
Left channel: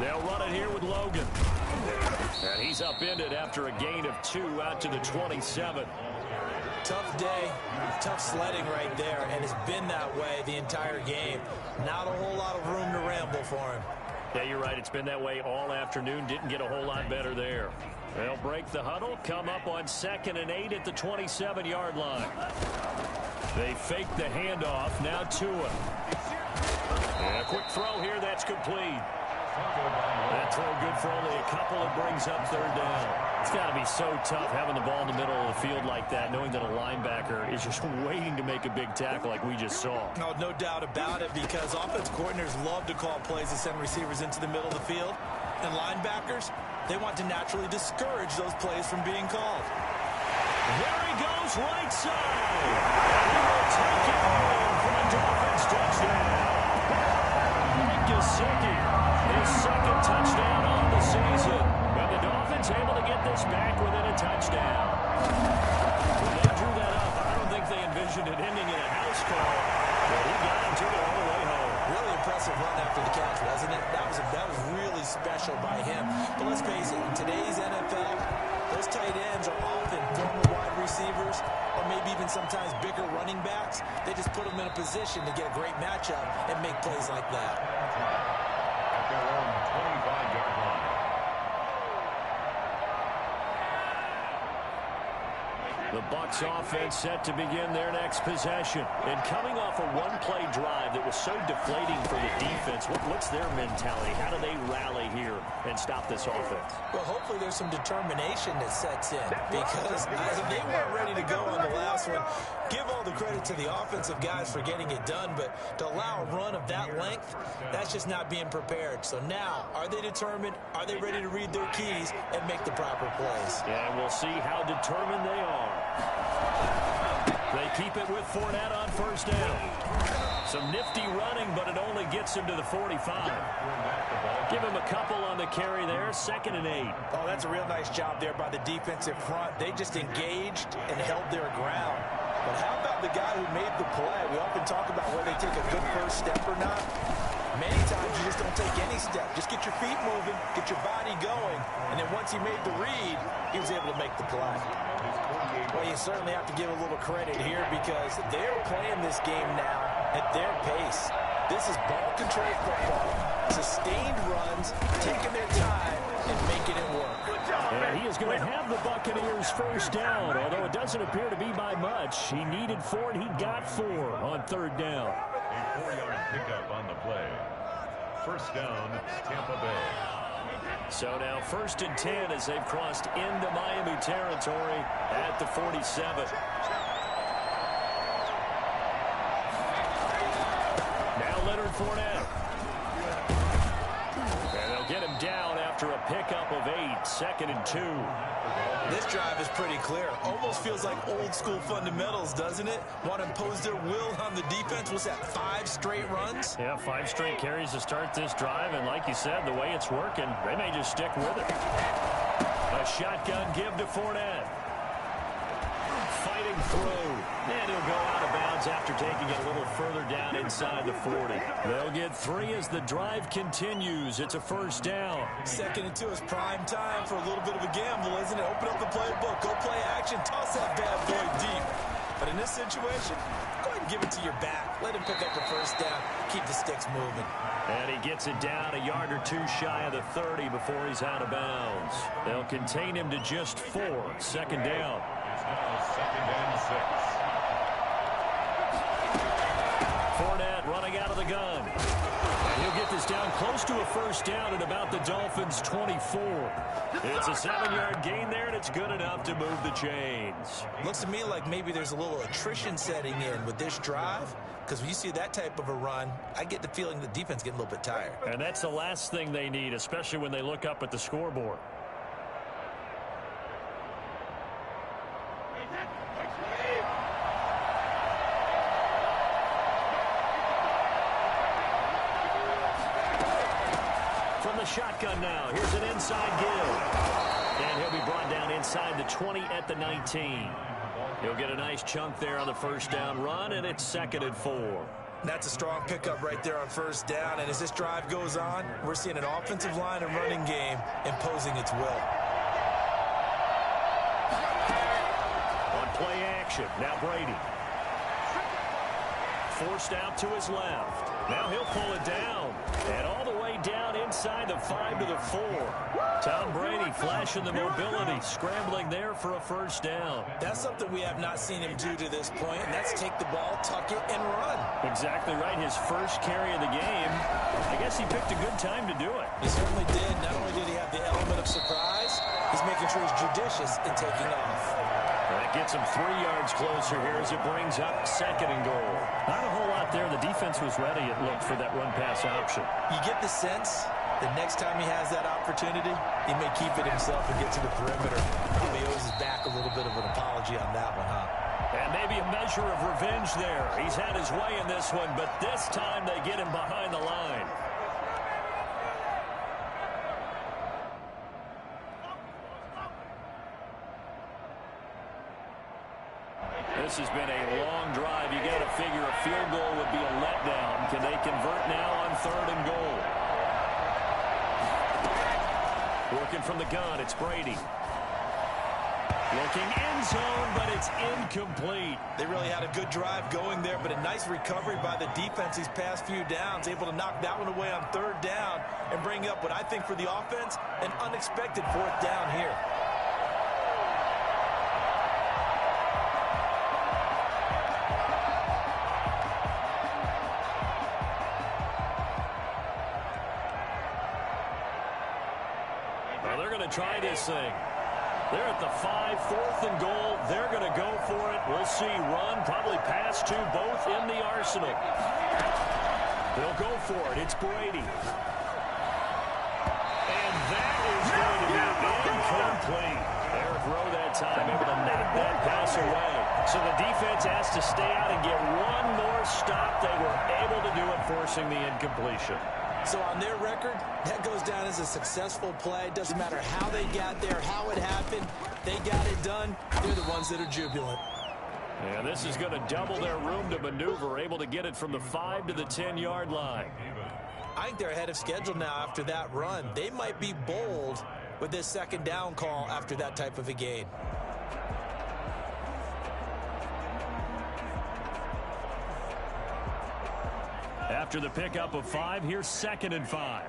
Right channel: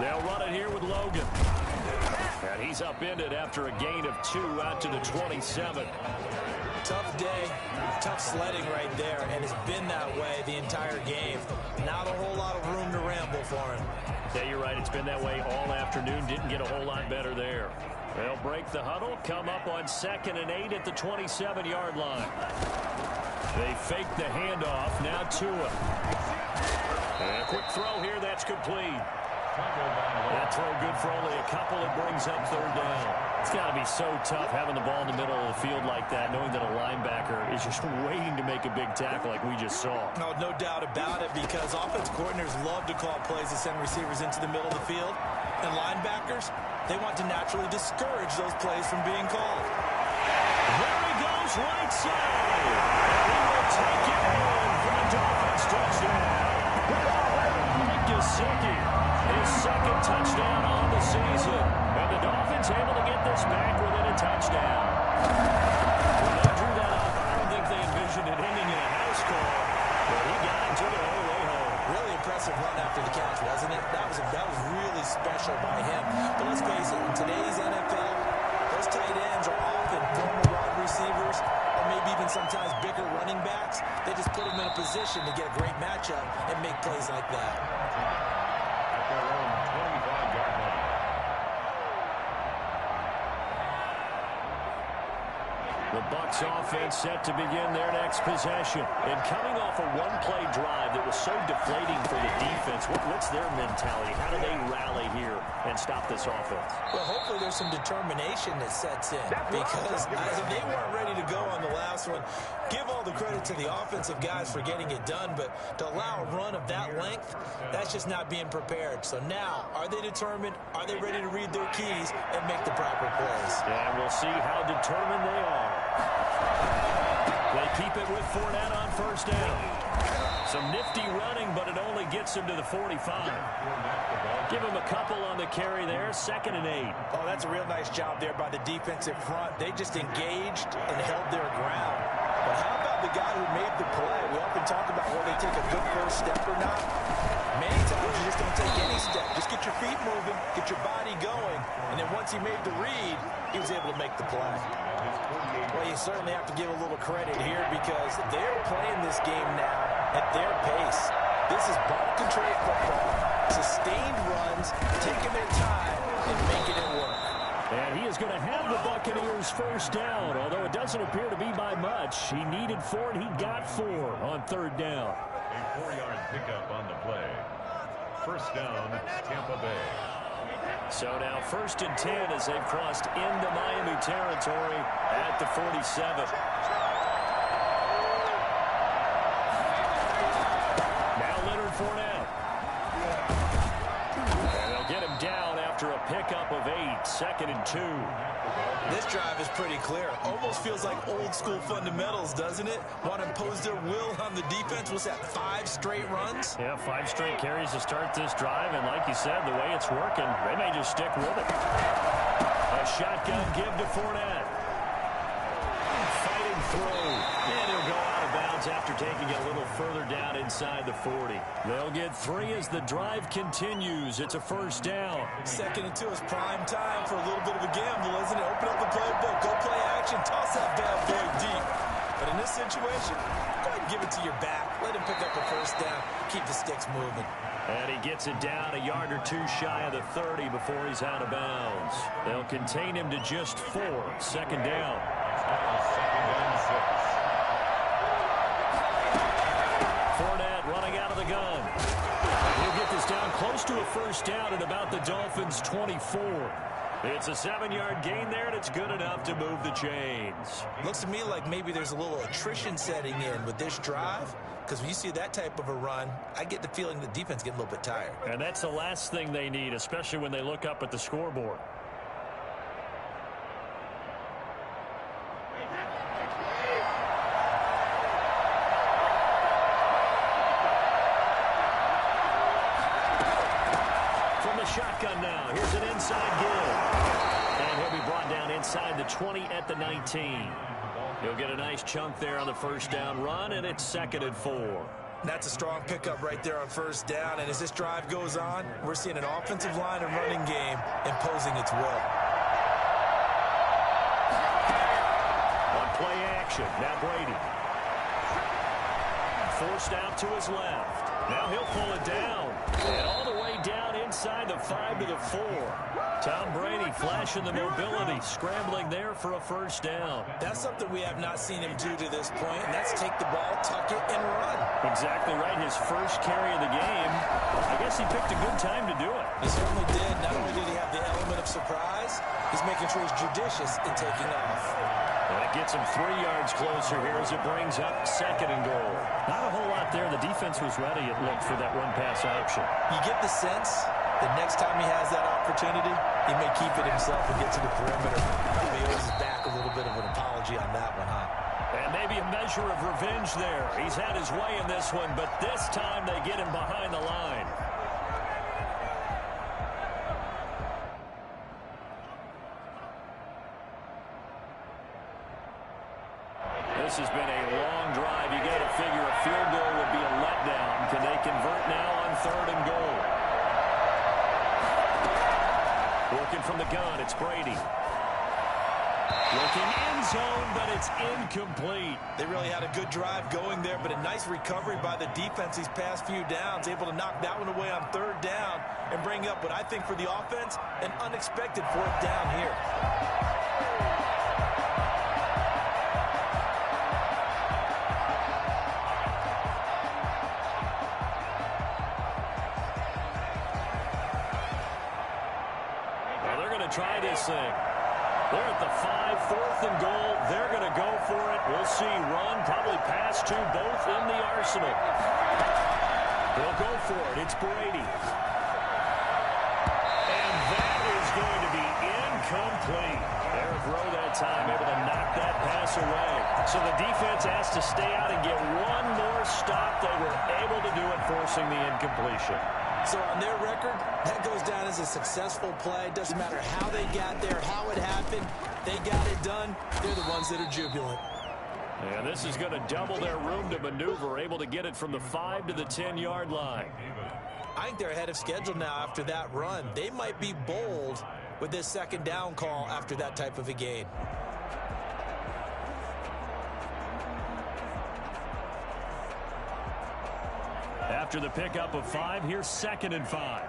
They'll run it here with Logan. And he's upended after a gain of 2 out to the 27. Tough day, tough sledding right there, and it's been that way the entire game. Not a whole lot of room to ramble for him. Yeah, you're right. It's been that way all afternoon. Didn't get a whole lot better there. They'll break the huddle, come up on 2nd and 8 at the 27-yard line. They fake the handoff. Now Tua. And a quick throw here. That's complete. That throw good for only a couple. It brings up 3rd down. It's got to be so tough having the ball in the middle of the field like that, knowing that a linebacker is just waiting to make a big tackle like we just saw. No doubt about it, because offense coordinators love to call plays to send receivers into the middle of the field. And linebackers, they want to naturally discourage those plays from being called. There he goes, right side. And he will take it in for the Dolphins touchdown. Mike Gesicki, his 2nd touchdown on the season. And the Dolphins able to get this back within a touchdown. When they drew that up, I don't think they envisioned it ending in a house call. But he got it, took it all the way home. Really impressive run after the catch, wasn't it? That was really special by him. But let's face it, in today's NFL, those tight ends are often former wide receivers, or maybe even sometimes bigger running backs. They just put them in a position to get a great matchup and make plays like that. At their own 25-yard line. The Bucs offense set to begin their next possession. And coming off a one-play drive that was so deflating for the defense, what's their mentality? How do they rally here and stop this offense? Well, hopefully there's some determination that sets in, because they weren't ready to go on the last one. Give all the credit to the offensive guys for getting it done, but to allow a run of that length, that's just not being prepared. So now, are they determined? Are they ready to read their keys and make the proper plays? And we'll see how determined they are. They keep it with Fournette on 1st down. Some nifty running, but it only gets him to the 45. Give him a couple on the carry there, 2nd and 8. Oh, that's a real nice job there by the defensive front. They just engaged and held their ground. But how about the guy who made the play? We often talk about whether they take a good first step or not. Many times you just don't take any step. Just get your feet moving, get your body going, and then once he made the read, he was able to make the play. Well, you certainly have to give a little credit here, because they're playing this game now at their pace. This is ball control football, sustained runs, taking their time and making it work. And he is going to have the Buccaneers 1st down, although it doesn't appear to be by much. He needed 4, and he got 4 on 3rd down. A 4-yard pickup on the play. 1st down, Tampa Bay. So now 1st and 10 as they've crossed into Miami territory at the 47. Now Leonard Fournette. And they'll get him down after a pickup of 8, 2nd and 2. This drive is pretty clear. Almost feels like old school fundamentals, doesn't it? Want to impose their will on the defense. Was that 5 straight runs? Yeah, 5 straight carries to start this drive. And like you said, the way it's working, they may just stick with it. A shotgun give to Fournette. Fighting through. And he'll go out of bounds after taking it a little further down inside the 40. They'll get 3 as the drive continues. It's a first down. 2nd and 2 is prime time for a little bit of a gamble, isn't it? Open up the playbook. Go play action. Toss that bad boy deep. But in this situation, go ahead and give it to your back. Let him pick up a first down. Keep the sticks moving. And he gets it down a yard or 2 shy of the 30 before he's out of bounds. They'll contain him to just 4. 2nd down. Now 2nd and 6. Fournette running out of the gun. And he'll get this down close to a first down at about the Dolphins' 24. It's a 7-yard gain there, and it's good enough to move the chains. Looks to me like maybe there's a little attrition setting in with this drive, because when you see that type of a run, I get the feeling the defense getting a little bit tired. And that's the last thing they need, especially when they look up at the scoreboard. From the shotgun now, here's an inside give. And he'll be brought down inside the 20 at the 19. He'll get a nice chunk there on the first down run, and it's 2nd and 4. That's a strong pickup right there on first down, and as this drive goes on, we're seeing an offensive line and running game imposing its will. On play action, now Brady. Forced out to his left. Now he'll pull it down. And all the way down inside the 5 to the 4. Tom Brady flashing the mobility, scrambling there for a first down. That's something we have not seen him do to this point, and that's take the ball, tuck it, and run. Exactly right. His first carry of the game. I guess he picked a good time to do it. He certainly did. Not only did he have the element of surprise, he's making sure he's judicious in taking off. And it gets him 3 yards closer here as it brings up 2nd and goal. Not a whole lot there. The defense was ready, it looked, for that run-pass option. You get the sense that next time he has that opportunity, he may keep it himself and get to the perimeter. Probably owes his back a little bit of an apology on that one, huh? And maybe a measure of revenge there. He's had his way in this one, but this time they get him behind the line. This has been a long drive. You got to figure a field goal would be a letdown. Can they convert now on 3rd and goal? Working from the gun, it's Brady. Looking end zone, but it's incomplete. They really had a good drive going there, but a nice recovery by the defense these past few downs, able to knock that one away on 3rd down and bring up what I think for the offense, an unexpected 4th down here. They're going to try this thing. They're at the 5, 4th and goal. They're going to go for it. We'll see. Run, probably pass to both in the arsenal. They'll go for it. It's Brady. And that is going to be incomplete. Eric Rowe that time able to knock that pass away. So the defense has to stay out and get one more stop. They were able to do it, forcing the incompletion. So on their record, that goes down as a successful play. Doesn't matter how they got there, how it happened. They got it done. They're the ones that are jubilant. And this is going to double their room to maneuver, able to get it from the 5 to the 10-yard line. I think they're ahead of schedule now after that run. They might be bold with this 2nd down call after that type of a gain. After the pickup of 5, here's 2nd and 5.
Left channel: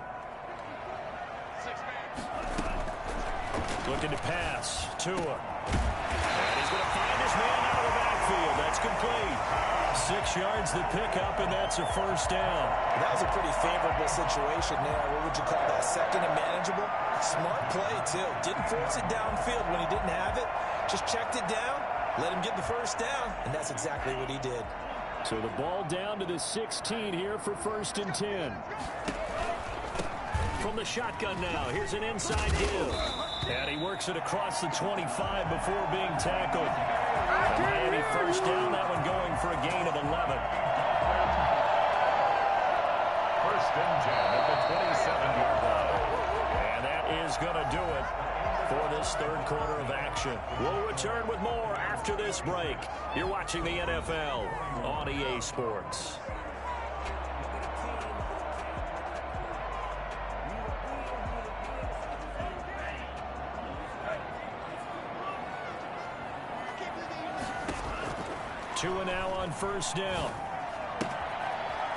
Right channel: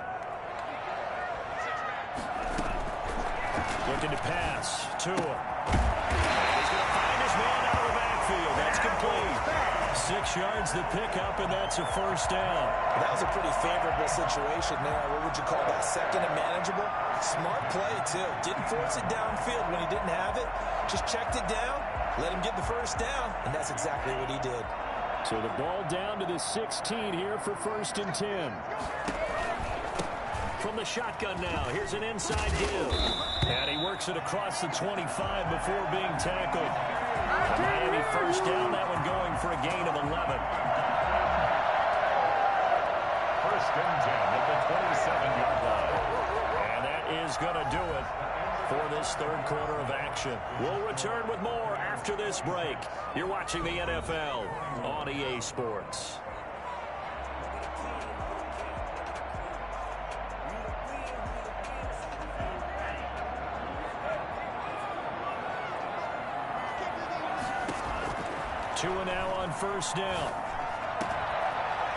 Looking to pass. Tua. And he's going to find his man out of the backfield. That's complete. 6 yards the pickup, and that's a first down. That was a pretty favorable situation there. What would you call that? 2nd and manageable? Smart play, too. Didn't force it downfield when he didn't have it. Just checked it down, let him get the first down, and that's exactly what he did. So the ball down to the 16 here for 1st and 10. From the shotgun now, here's an inside give. And he works it across the 25 before being tackled. The Miami first down, that one going for a gain of 11. First and 10 at the 27-yard line. And that is going to do it for this third quarter of action. We'll return with more after this break. You're watching the NFL on EA Sports. Tua now on first down.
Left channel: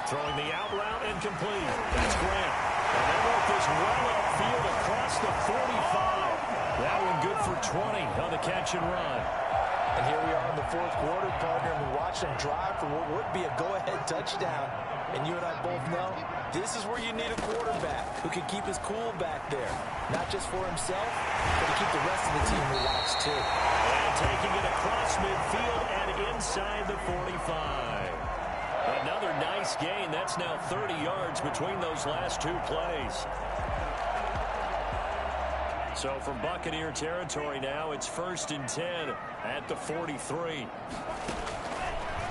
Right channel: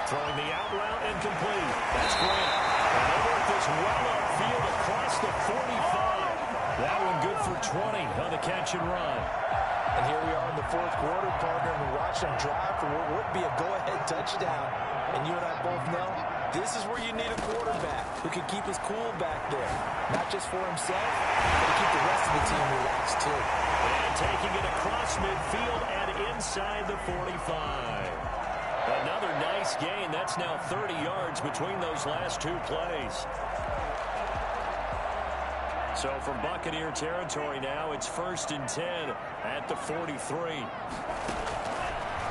Throwing the out route incomplete. That's Grant. And they work this well upfield across the 45. That one good for 20 on the catch and run. And here we are in the fourth quarter, partner, and we watch them drive for what would be a go-ahead touchdown. And you and I both know this is where you need a quarterback who can keep his cool back there. Not just for himself, but to keep the rest of the team relaxed too. And taking it across midfield and inside the 45. Another nice gain. That's now 30 yards between those last two plays. So from Buccaneer territory now, it's first and 10 at the 43.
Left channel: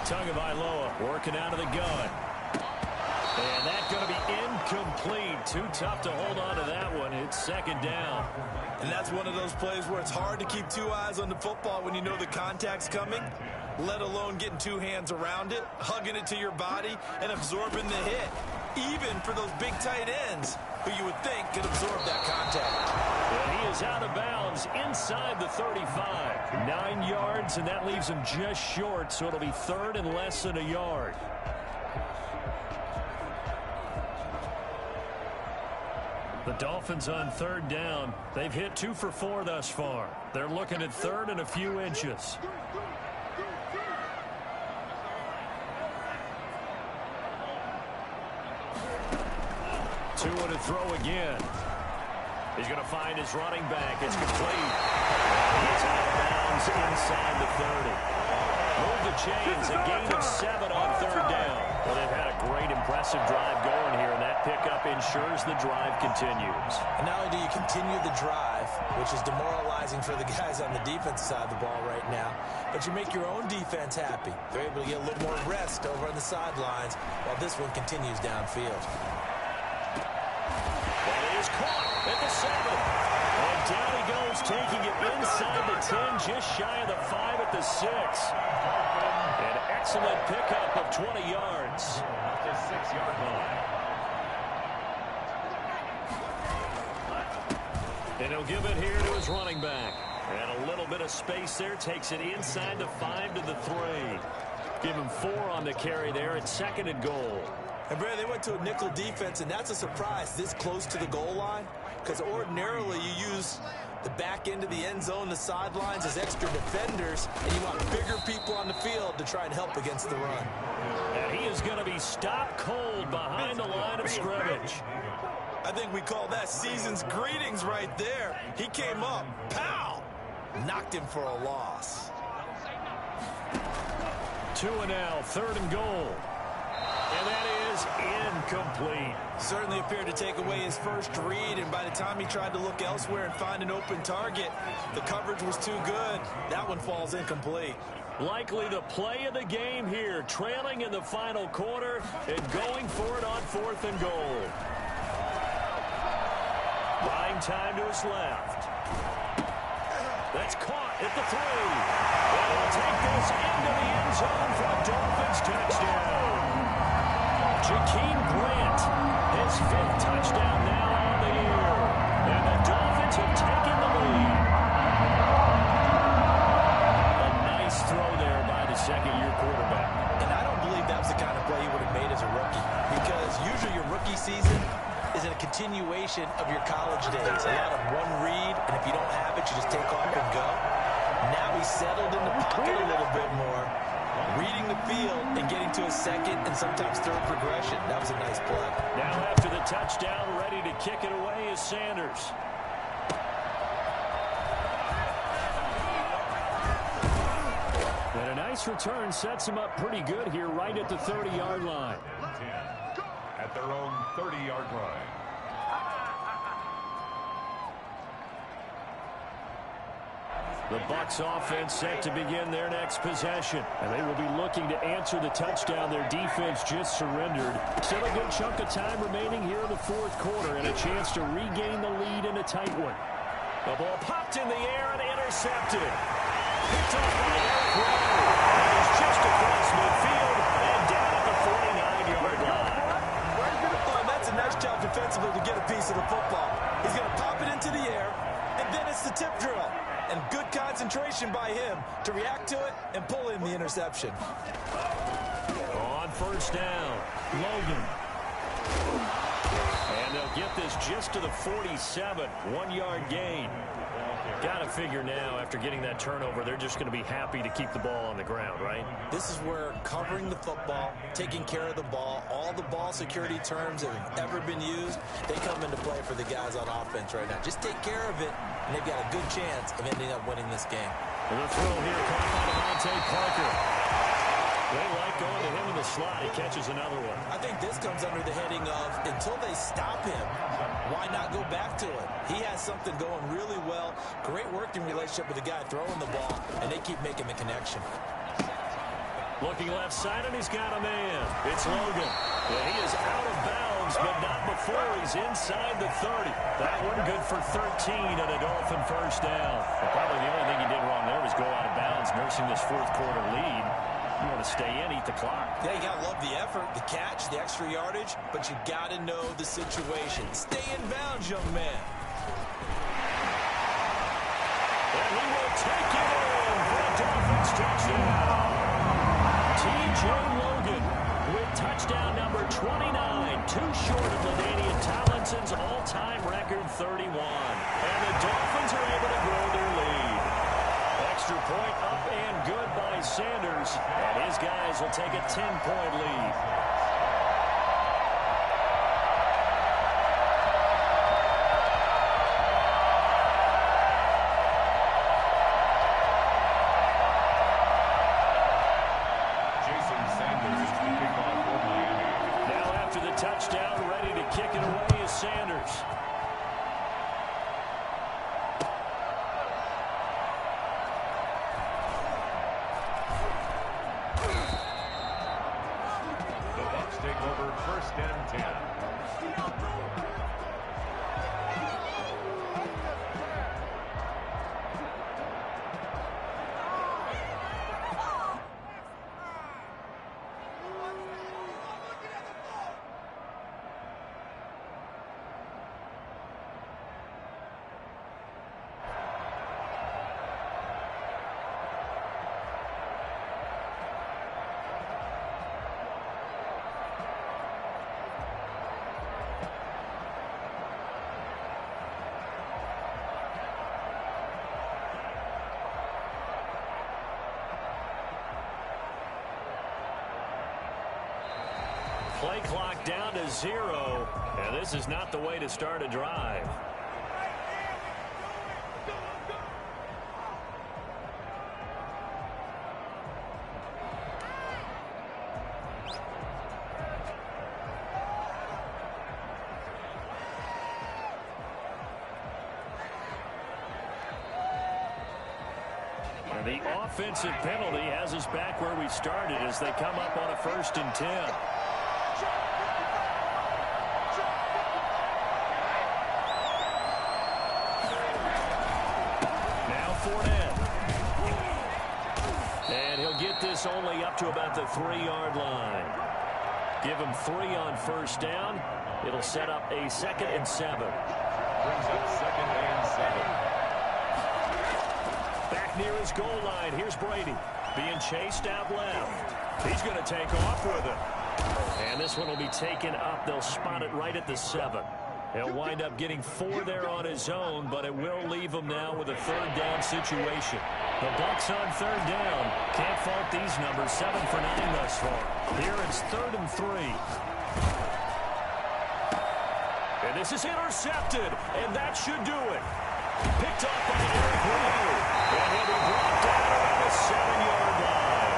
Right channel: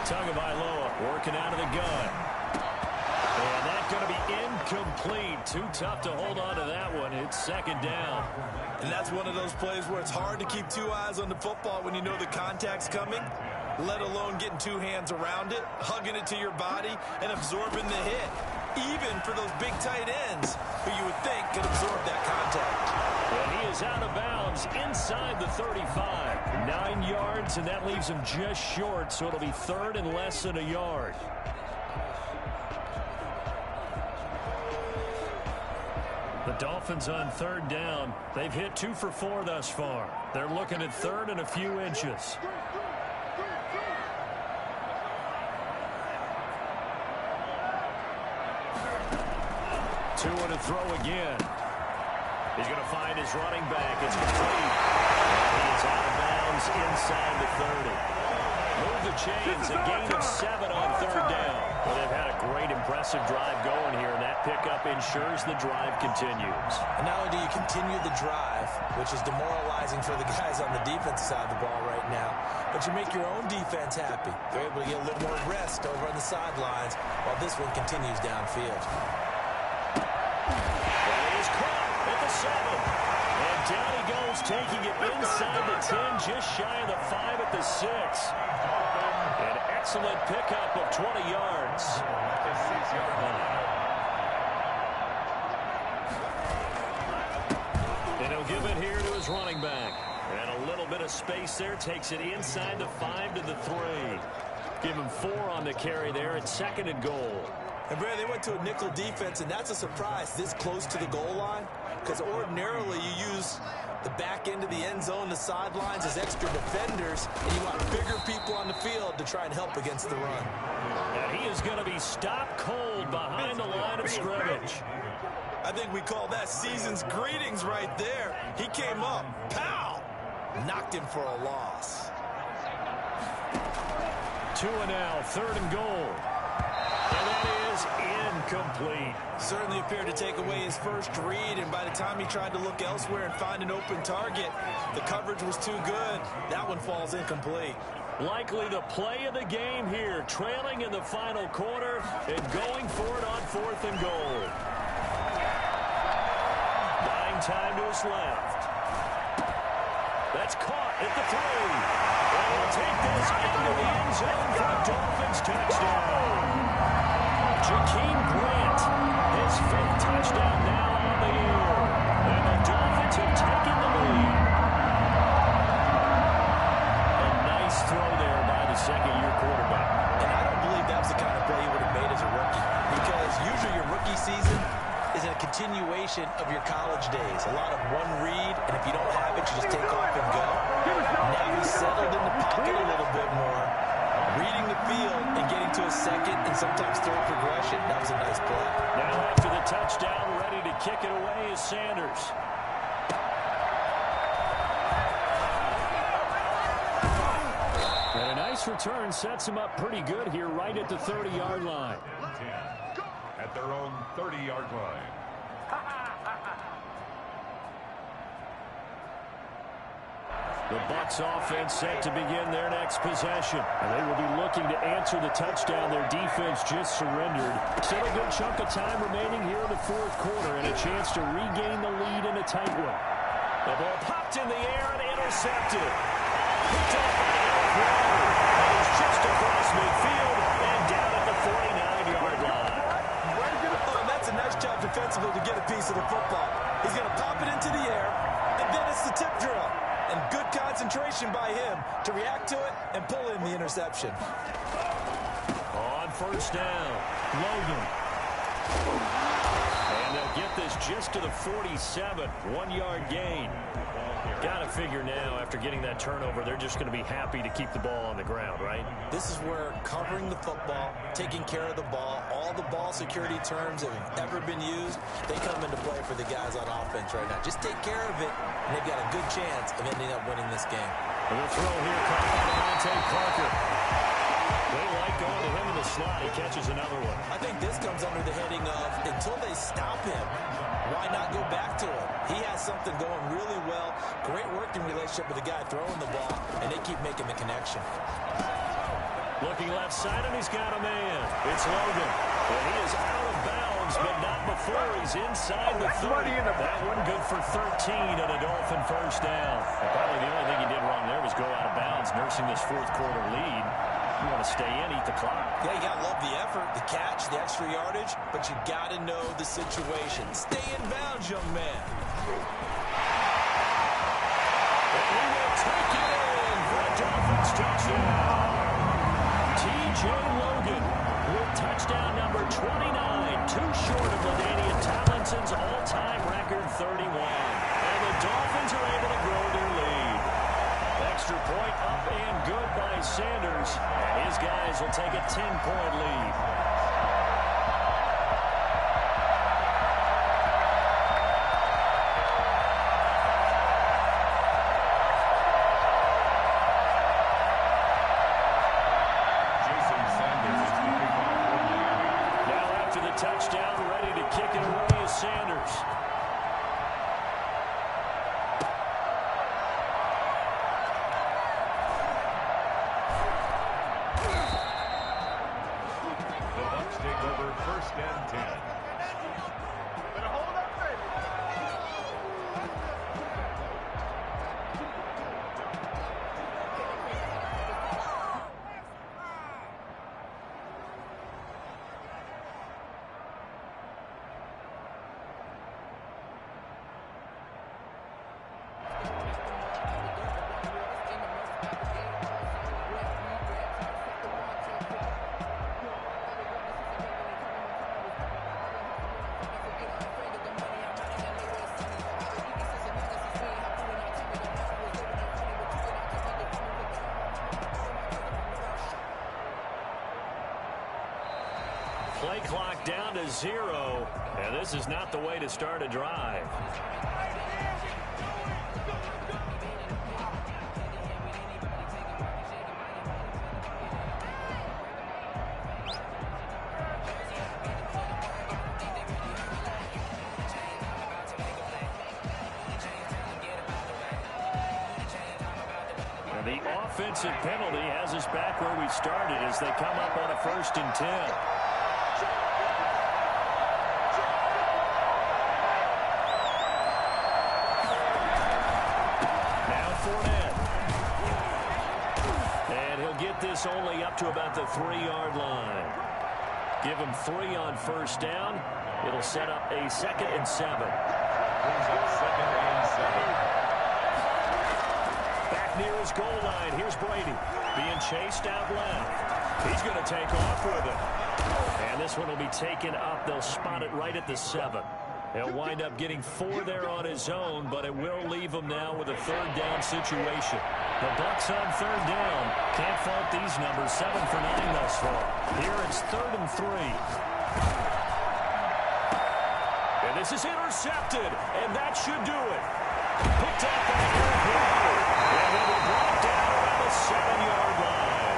Tagovailoa working out of the gun. And that's going to be incomplete. Too tough to hold on to that one. It's second down. And that's one of those plays where it's hard to keep two eyes on the football when you know the contact's coming, let alone getting two hands around it, hugging it to your body, and absorbing the hit. Even for those big tight ends who you would think could absorb that contact. Well, he is out of bounds inside the 35. 9 yards, and that leaves him just short, so it'll be third and less than a yard. The Dolphins on third down. They've hit 2 for 4 thus far. They're looking at third and a few inches. Tua to throw again. He's going to find his running back. It's complete. And he is out of bounds inside the 30. Move the chains. A gain of 7 on third down. Well, they've had a great, impressive drive going here, and that pickup ensures the drive continues. And not only do you continue the drive, which is demoralizing for the guys on the defensive side of the ball right now, but you make your own defense happy. They're able to get a little more rest over on the sidelines while this one continues downfield. Well, he is caught at the 7. And down he goes, taking it inside the 10, just shy of the 5 at the 6. An excellent pickup of 20 yards. At the 6-yard line. And he'll give it here to his running back. And a little bit of space there, takes it inside the 5 to the 3. Give him 4 on the carry there at second and goal. And, Brad, they went to a nickel defense, and that's a surprise this close to the goal line, because ordinarily you use the back end of the end zone, the sidelines as extra defenders, and you want bigger people on the field to try and help against the run. And he is going to be stopped cold behind the line of scrimmage. I think we call that season's greetings right there. He came up, pow, knocked him for a loss. Tua now, third and goal. And that is incomplete. Certainly appeared to take away his first read, and by the time he tried to look elsewhere and find an open target, the coverage was too good. That one falls incomplete. Likely the play of the game here, trailing in the final quarter and going for it on fourth and goal. Buying time to his left. That's caught at the 3. And he'll take this into the end zone for a Dolphins touchdown. Jakeem Grant, his 5th touchdown now on the year. And the Dolphins have taken the lead. A nice throw there by the second-year quarterback. And I don't believe that was the kind of play he would have made as a rookie, because usually your rookie season is a continuation of your college days. A lot of one read, and if you don't have it, you just take off and go. Now he's settled in the pocket a little bit more, reading the field and getting to a second and sometimes third progression. That was a nice play. Now after the touchdown, ready to kick it away is Sanders. And a nice return sets him up pretty good here right at the 30-yard line. 10 at their own 30-yard line. The Bucs offense set to begin their next possession. And they will be looking to answer the touchdown their defense just surrendered. Still a good chunk of time remaining here in the fourth quarter and a chance to regain the lead in a tight one. The ball popped in the air and intercepted. Picked off by Eric Rowe. And he's just across midfield and down at the 49-yard line. Oh, and that's a nice job defensively to get a piece of the football. He's going to pop it into the air, and then it's the tip drill. And good concentration by him to react to it and pull in the interception. On first down, Logan. And they'll get this just to the 47, 1-yard gain. Got to figure now, after getting that turnover, they're just going to be happy to keep the ball on the ground, right? This is where covering the football, taking care of the ball, all the ball security terms that have ever been used, they come into play for the guys on offense right now. Just take care of it, and they've got a good chance of ending up winning this game. And the throw here caught by Devontae Parker. They like going to him in the slot. He catches another one. I think this comes under the heading of, until they stop him, why not go back to it? He has something going really well. Great working relationship with the guy throwing the ball, and they keep making the connection. Looking left side, and he's got a man. It's Logan. And he is out of bounds, but not before he's inside the 30. That one good for 13 and a Dolphin first down. Well, probably the only thing he did wrong there was go out of bounds, nursing this fourth quarter lead. You want to stay in, eat the clock. Yeah, you got to love the effort, the catch, the extra yardage, but you got to know the situation. Stay in bounds, young man. And he will take it in for a Dolphins touchdown. T.J. Logan with touchdown number 29, too short of LaDainian Tomlinson's all-time record 31. And the Dolphins are able to grow their lead. Extra point up and good by Sanders. And his guys will take a 10-point lead. Jason Sanders to kick off for Miami. Now after the touchdown, ready to kick it away is Sanders. Take over first and 10. Play clock down to 0, and this is not the way to start a drive. And the offensive penalty has us back where we started as they come up on a 1st and 10. Fournette. And he'll get this only up to about the 3-yard line. Give him 3 on first down. It'll set up a 2nd and 7. Brings up 2nd and 7. Back near his goal line. Here's Brady being chased out left. He's going to take off with it. And this one will be taken up. They'll spot it right at the 7. He'll wind up getting 4 there on his own, but it will leave him now with a 3rd down situation. The Bucs on 3rd down. Can't fault these numbers. 7 for 9 thus far. Here it's 3rd and 3. And this is intercepted, and that should do it. Picked off by Eric Rowe. And he'll be brought down around the 7-yard line.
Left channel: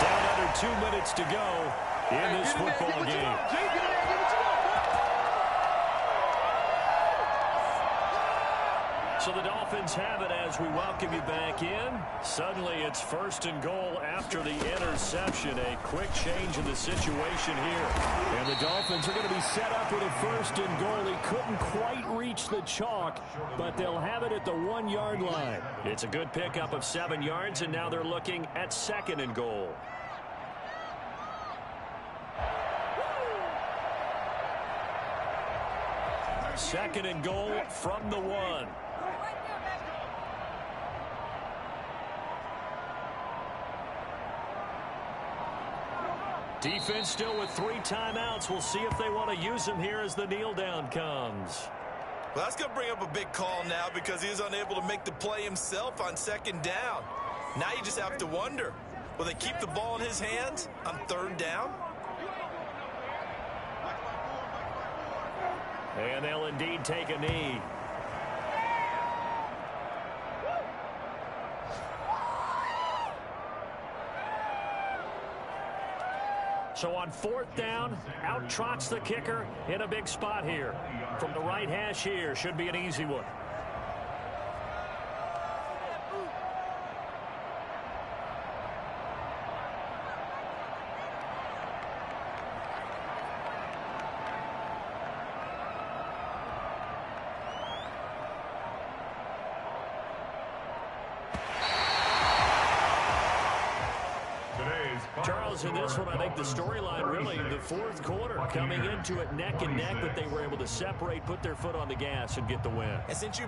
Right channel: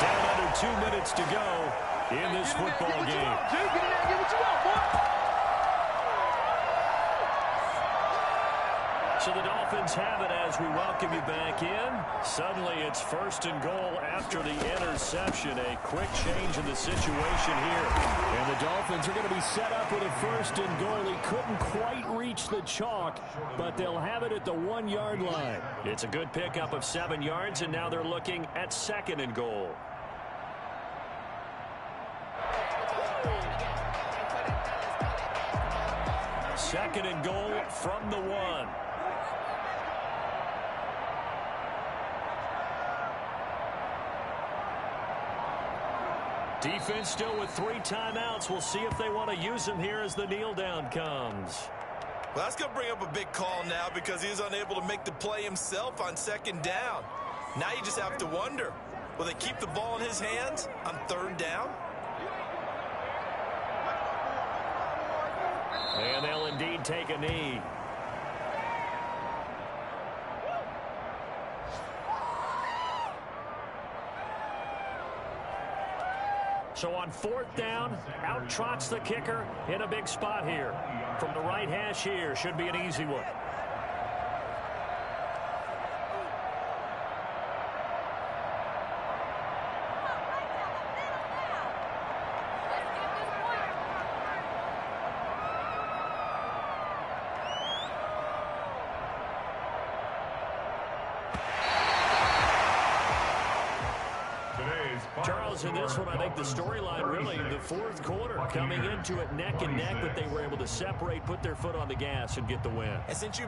Down under 2 minutes to go in this football game. So the Dolphins have it as we welcome you back in. Suddenly it's 1st and goal after the interception. A quick change in the situation here. And the Dolphins are going to be set up with a 1st and goal. He couldn't quite reach the chalk, but they'll have it at the 1-yard line. It's a good pickup of 7 yards, and now they're looking at 2nd and goal. Second and goal from the 1. Defense still with 3 timeouts. We'll see if they want to use them here as the kneel down comes. Well, that's going to bring up a big call now because he's unable to make the play himself on 2nd down. Now you just have to wonder, will they keep the ball in his hands on 3rd down? And they'll indeed take a knee. So on 4th down, out trots the kicker in a big spot here. From the right hash here, should be an easy one. Charles, in this one, I think the storyline really, the 4th quarter, coming into it neck and neck, but they were able to separate, put their foot on the gas, and get the win. And since you